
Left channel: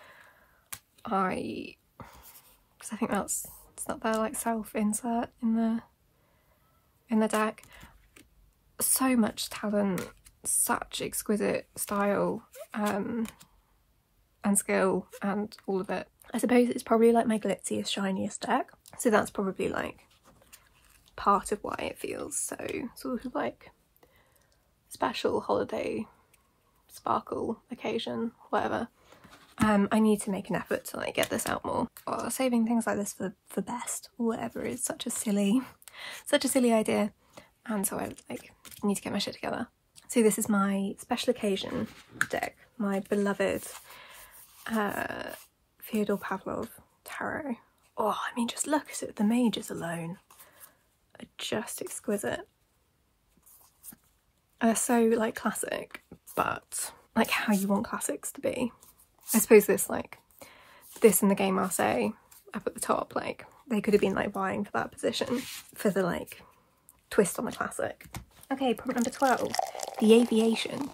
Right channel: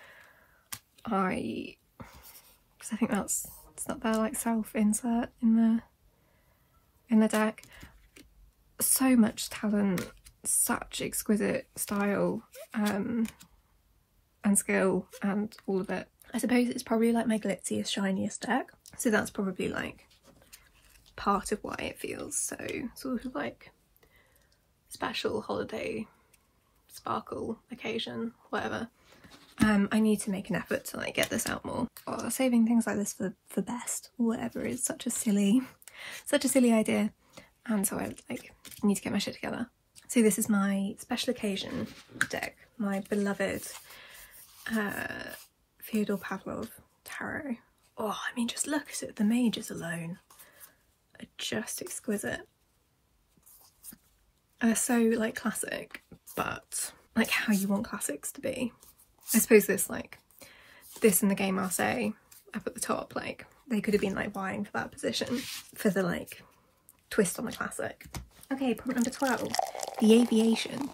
Because I think it's not their like self insert in the deck. So much talent, such exquisite style and skill and all of it. I suppose it's probably like my glitziest, shiniest deck, so that's probably like part of why it feels so sort of like special, holiday, sparkle, occasion, whatever. I need to make an effort to like get this out more. Oh, saving things like this for best or whatever is such a silly idea, and so I need to get my shit together. So this is my special occasion deck, my beloved Fyodor Pavlov tarot. Oh, I mean, just look at it. The mages alone are just exquisite. They're so like classic, but like how you want classics to be. I suppose this and the Game Marseille up at the top, like they could have been like vying for that position for the like twist on the classic. Okay, prompt number 12, the Aviation.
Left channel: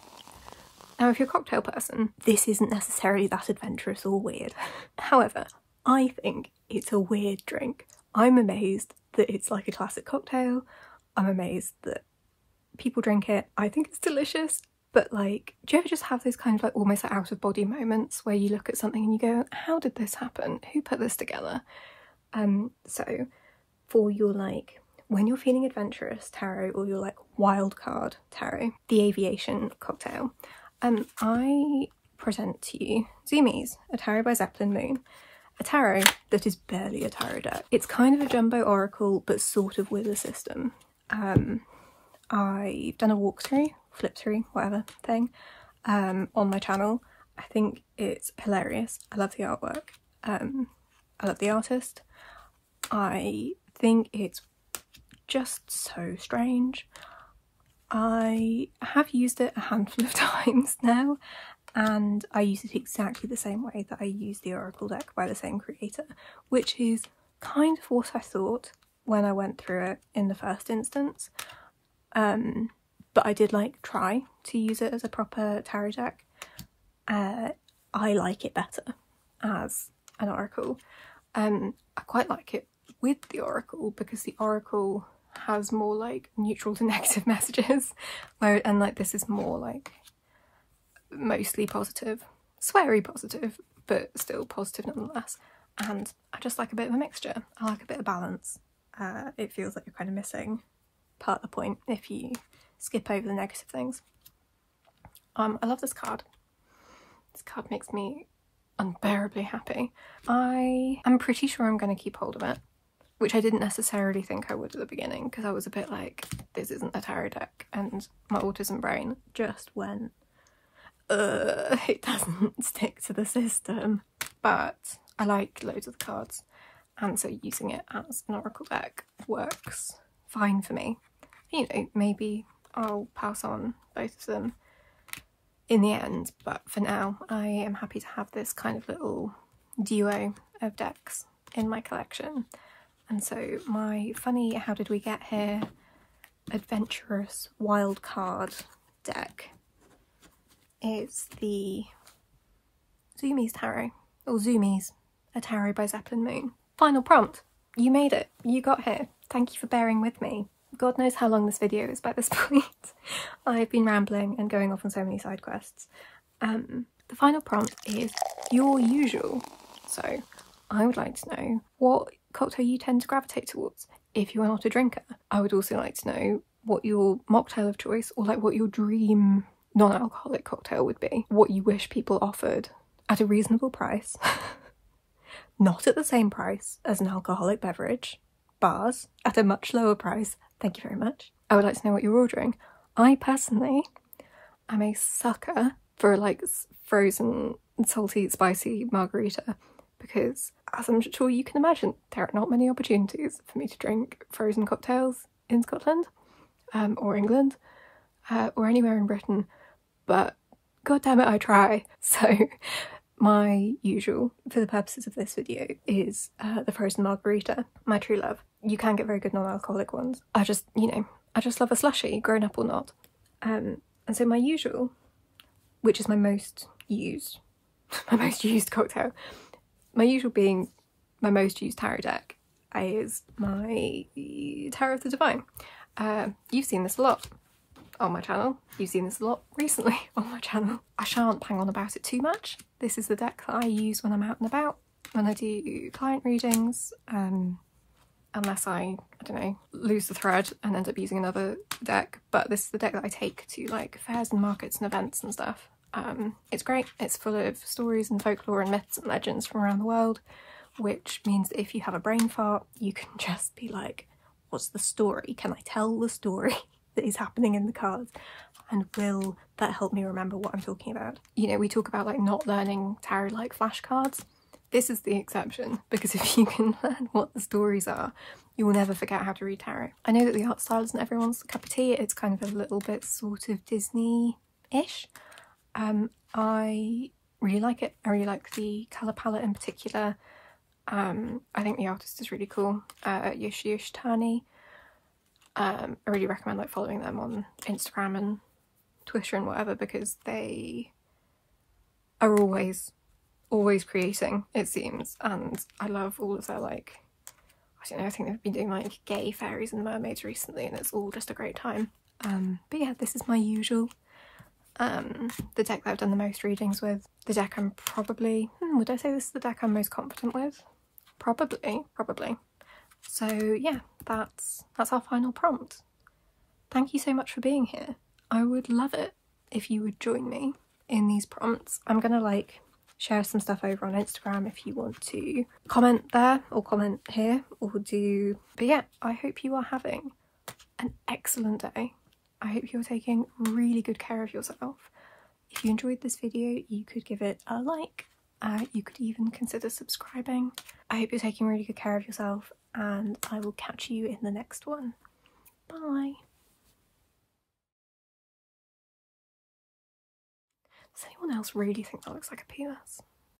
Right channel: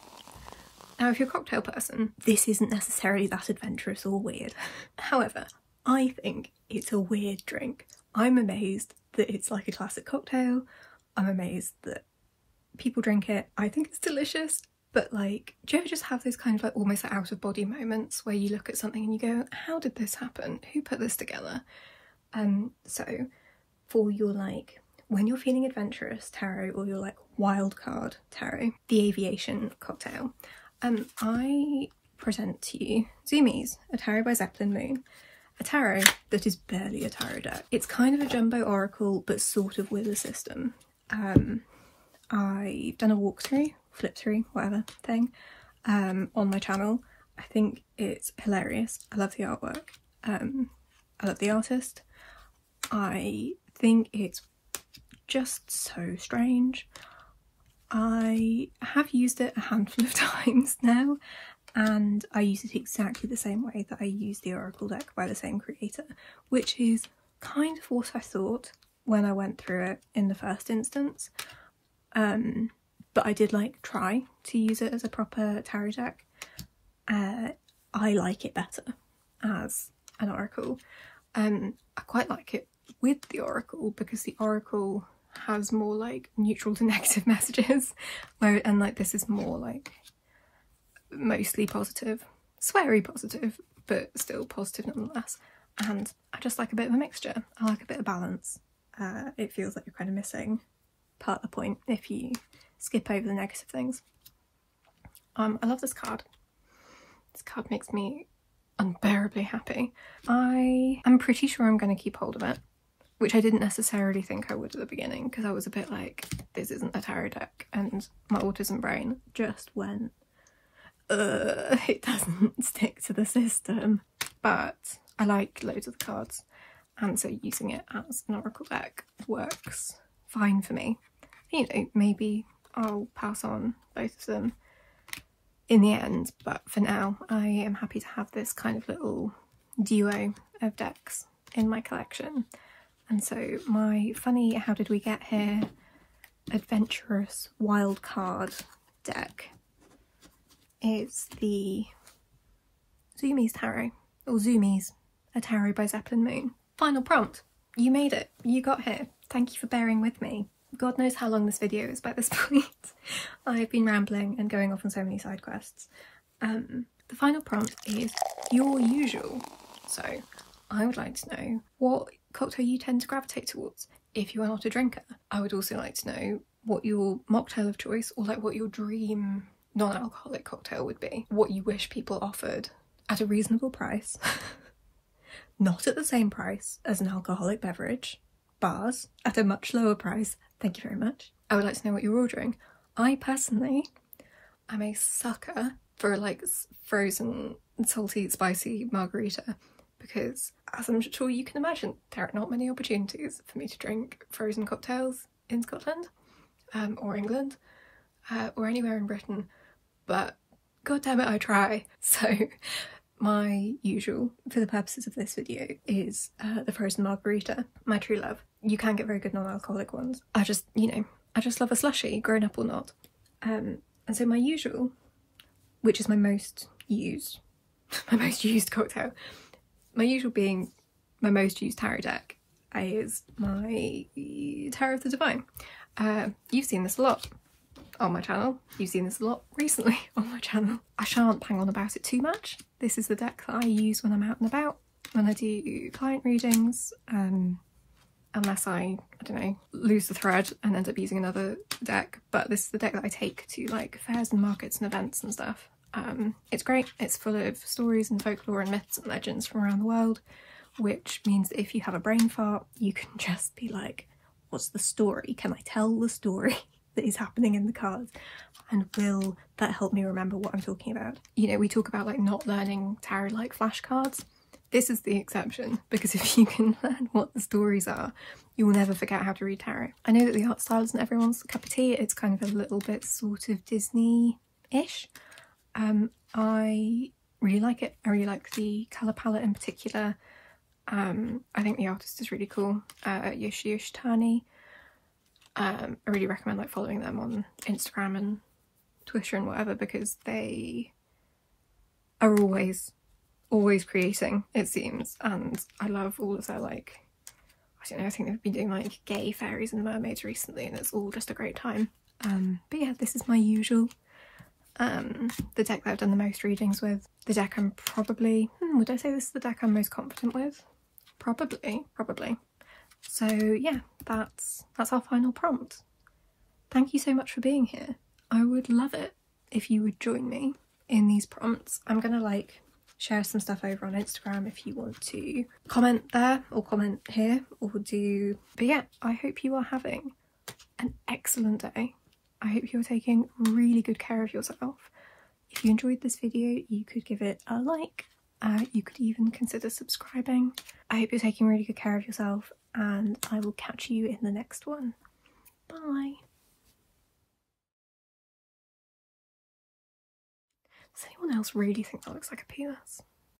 Now, if you're a cocktail person, this isn't necessarily that adventurous or weird. However, I think it's a weird drink. I'm amazed that it's like a classic cocktail. I'm amazed that people drink it. I think it's delicious. But like, do you ever just have those kind of like almost out of body moments where you look at something and you go, how did this happen? Who put this together? So for your like, when you're feeling adventurous tarot or your like wildcard tarot, the Aviation cocktail, I present to you Zoomies, a tarot by Sapling Moon, a tarot that is barely a tarot deck. It's kind of a jumbo oracle, but sort of with a system. I've done a walkthrough, flip through, whatever thing, on my channel. I think it's hilarious. I love the artwork. I love the artist. I think it's just so strange. I have used it a handful of times now, and I use it exactly the same way that I use the Oracle deck by the same creator, which is kind of what I thought when I went through it in the first instance. But I did like try to use it as a proper tarot deck. I like it better as an Oracle. I quite like it with the Oracle because the Oracle has more like neutral to negative messages, and like this is more like mostly positive, sweary positive, but still positive nonetheless. And I just like a bit of a mixture. I like a bit of balance. It feels like you're kind of missing part of the point if you skip over the negative things. I love this card. This card makes me unbearably happy. I am pretty sure I'm going to keep hold of it, which I didn't necessarily think I would at the beginning, because I was a bit like, this isn't a tarot deck, and my autism brain just went, it doesn't stick to the system. But I like loads of the cards, and so using it as an Oracle deck works fine for me. You know, maybe I'll pass on both of them in the end, but for now I am happy to have this kind of little duo of decks in my collection. And so my funny how did we get here adventurous wildcard deck is the Zoomies tarot, or Zoomies, a tarot by Sapling Moon. Final prompt. You made it. You got here. Thank you for bearing with me. God knows how long this video is by this point. I've been rambling and going off on so many side quests. The final prompt is your usual. So I would like to know what cocktail you tend to gravitate towards if you are not a drinker. I would also like to know what your mocktail of choice, or like what your dream non-alcoholic cocktail would be. What you wish people offered at a reasonable price. Not at the same price as an alcoholic beverage. Bars at a much lower price. Thank you very much. I would like to know what you're ordering. I personally am a sucker for like frozen, salty, spicy margarita, because as I'm sure you can imagine, there are not many opportunities for me to drink frozen cocktails in Scotland, or England, or anywhere in Britain, but god damn it, I try. So my usual, for the purposes of this video, is the frozen margarita, my true love. you can get very good non-alcoholic ones. I just, you know, I just love a slushie, grown up or not. And so my usual, which is my most used cocktail, my usual being my most used tarot deck, is my Tarot of the Divine. You've seen this a lot on my channel. You've seen this a lot recently on my channel. I shan't bang on about it too much. This is the deck that I use when I'm out and about, when I do client readings, unless I don't know, lose the thread and end up using another deck. But this is the deck that I take to like fairs and markets and events and stuff. It's great. It's full of stories and folklore and myths and legends from around the world, which means that if you have a brain fart, you can just be like, what's the story? Can I tell the story that is happening in the cards? And will that help me remember what I'm talking about? You know, we talk about like not learning tarot like flashcards. This is the exception, because if you can learn what the stories are, you will never forget how to read tarot. I know that the art style isn't everyone's cup of tea. It's kind of a little bit sort of Disney-ish. I really like it. I really like the colour palette in particular. I think the artist is really cool, Tony. I really recommend like following them on Instagram and Twitter and whatever, because they are always creating, it seems, and I love all of their like, I don't know, I think they've been doing like gay fairies and mermaids recently, and it's all just a great time. But yeah, this is my usual, the deck that I've done the most readings with, the deck I'm probably, would I say this is the deck I'm most confident with? Probably. So yeah, that's our final prompt. Thank you so much for being here. I would love it if you would join me in these prompts. I'm gonna like share some stuff over on Instagram if you want to comment there or comment here or do, but yeah, I hope you are having an excellent day. I hope you're taking really good care of yourself. If you enjoyed this video, you could give it a like. You could even consider subscribing. I hope you're taking really good care of yourself, and I will catch you in the next one. Bye. Does anyone else really think that looks like a penis?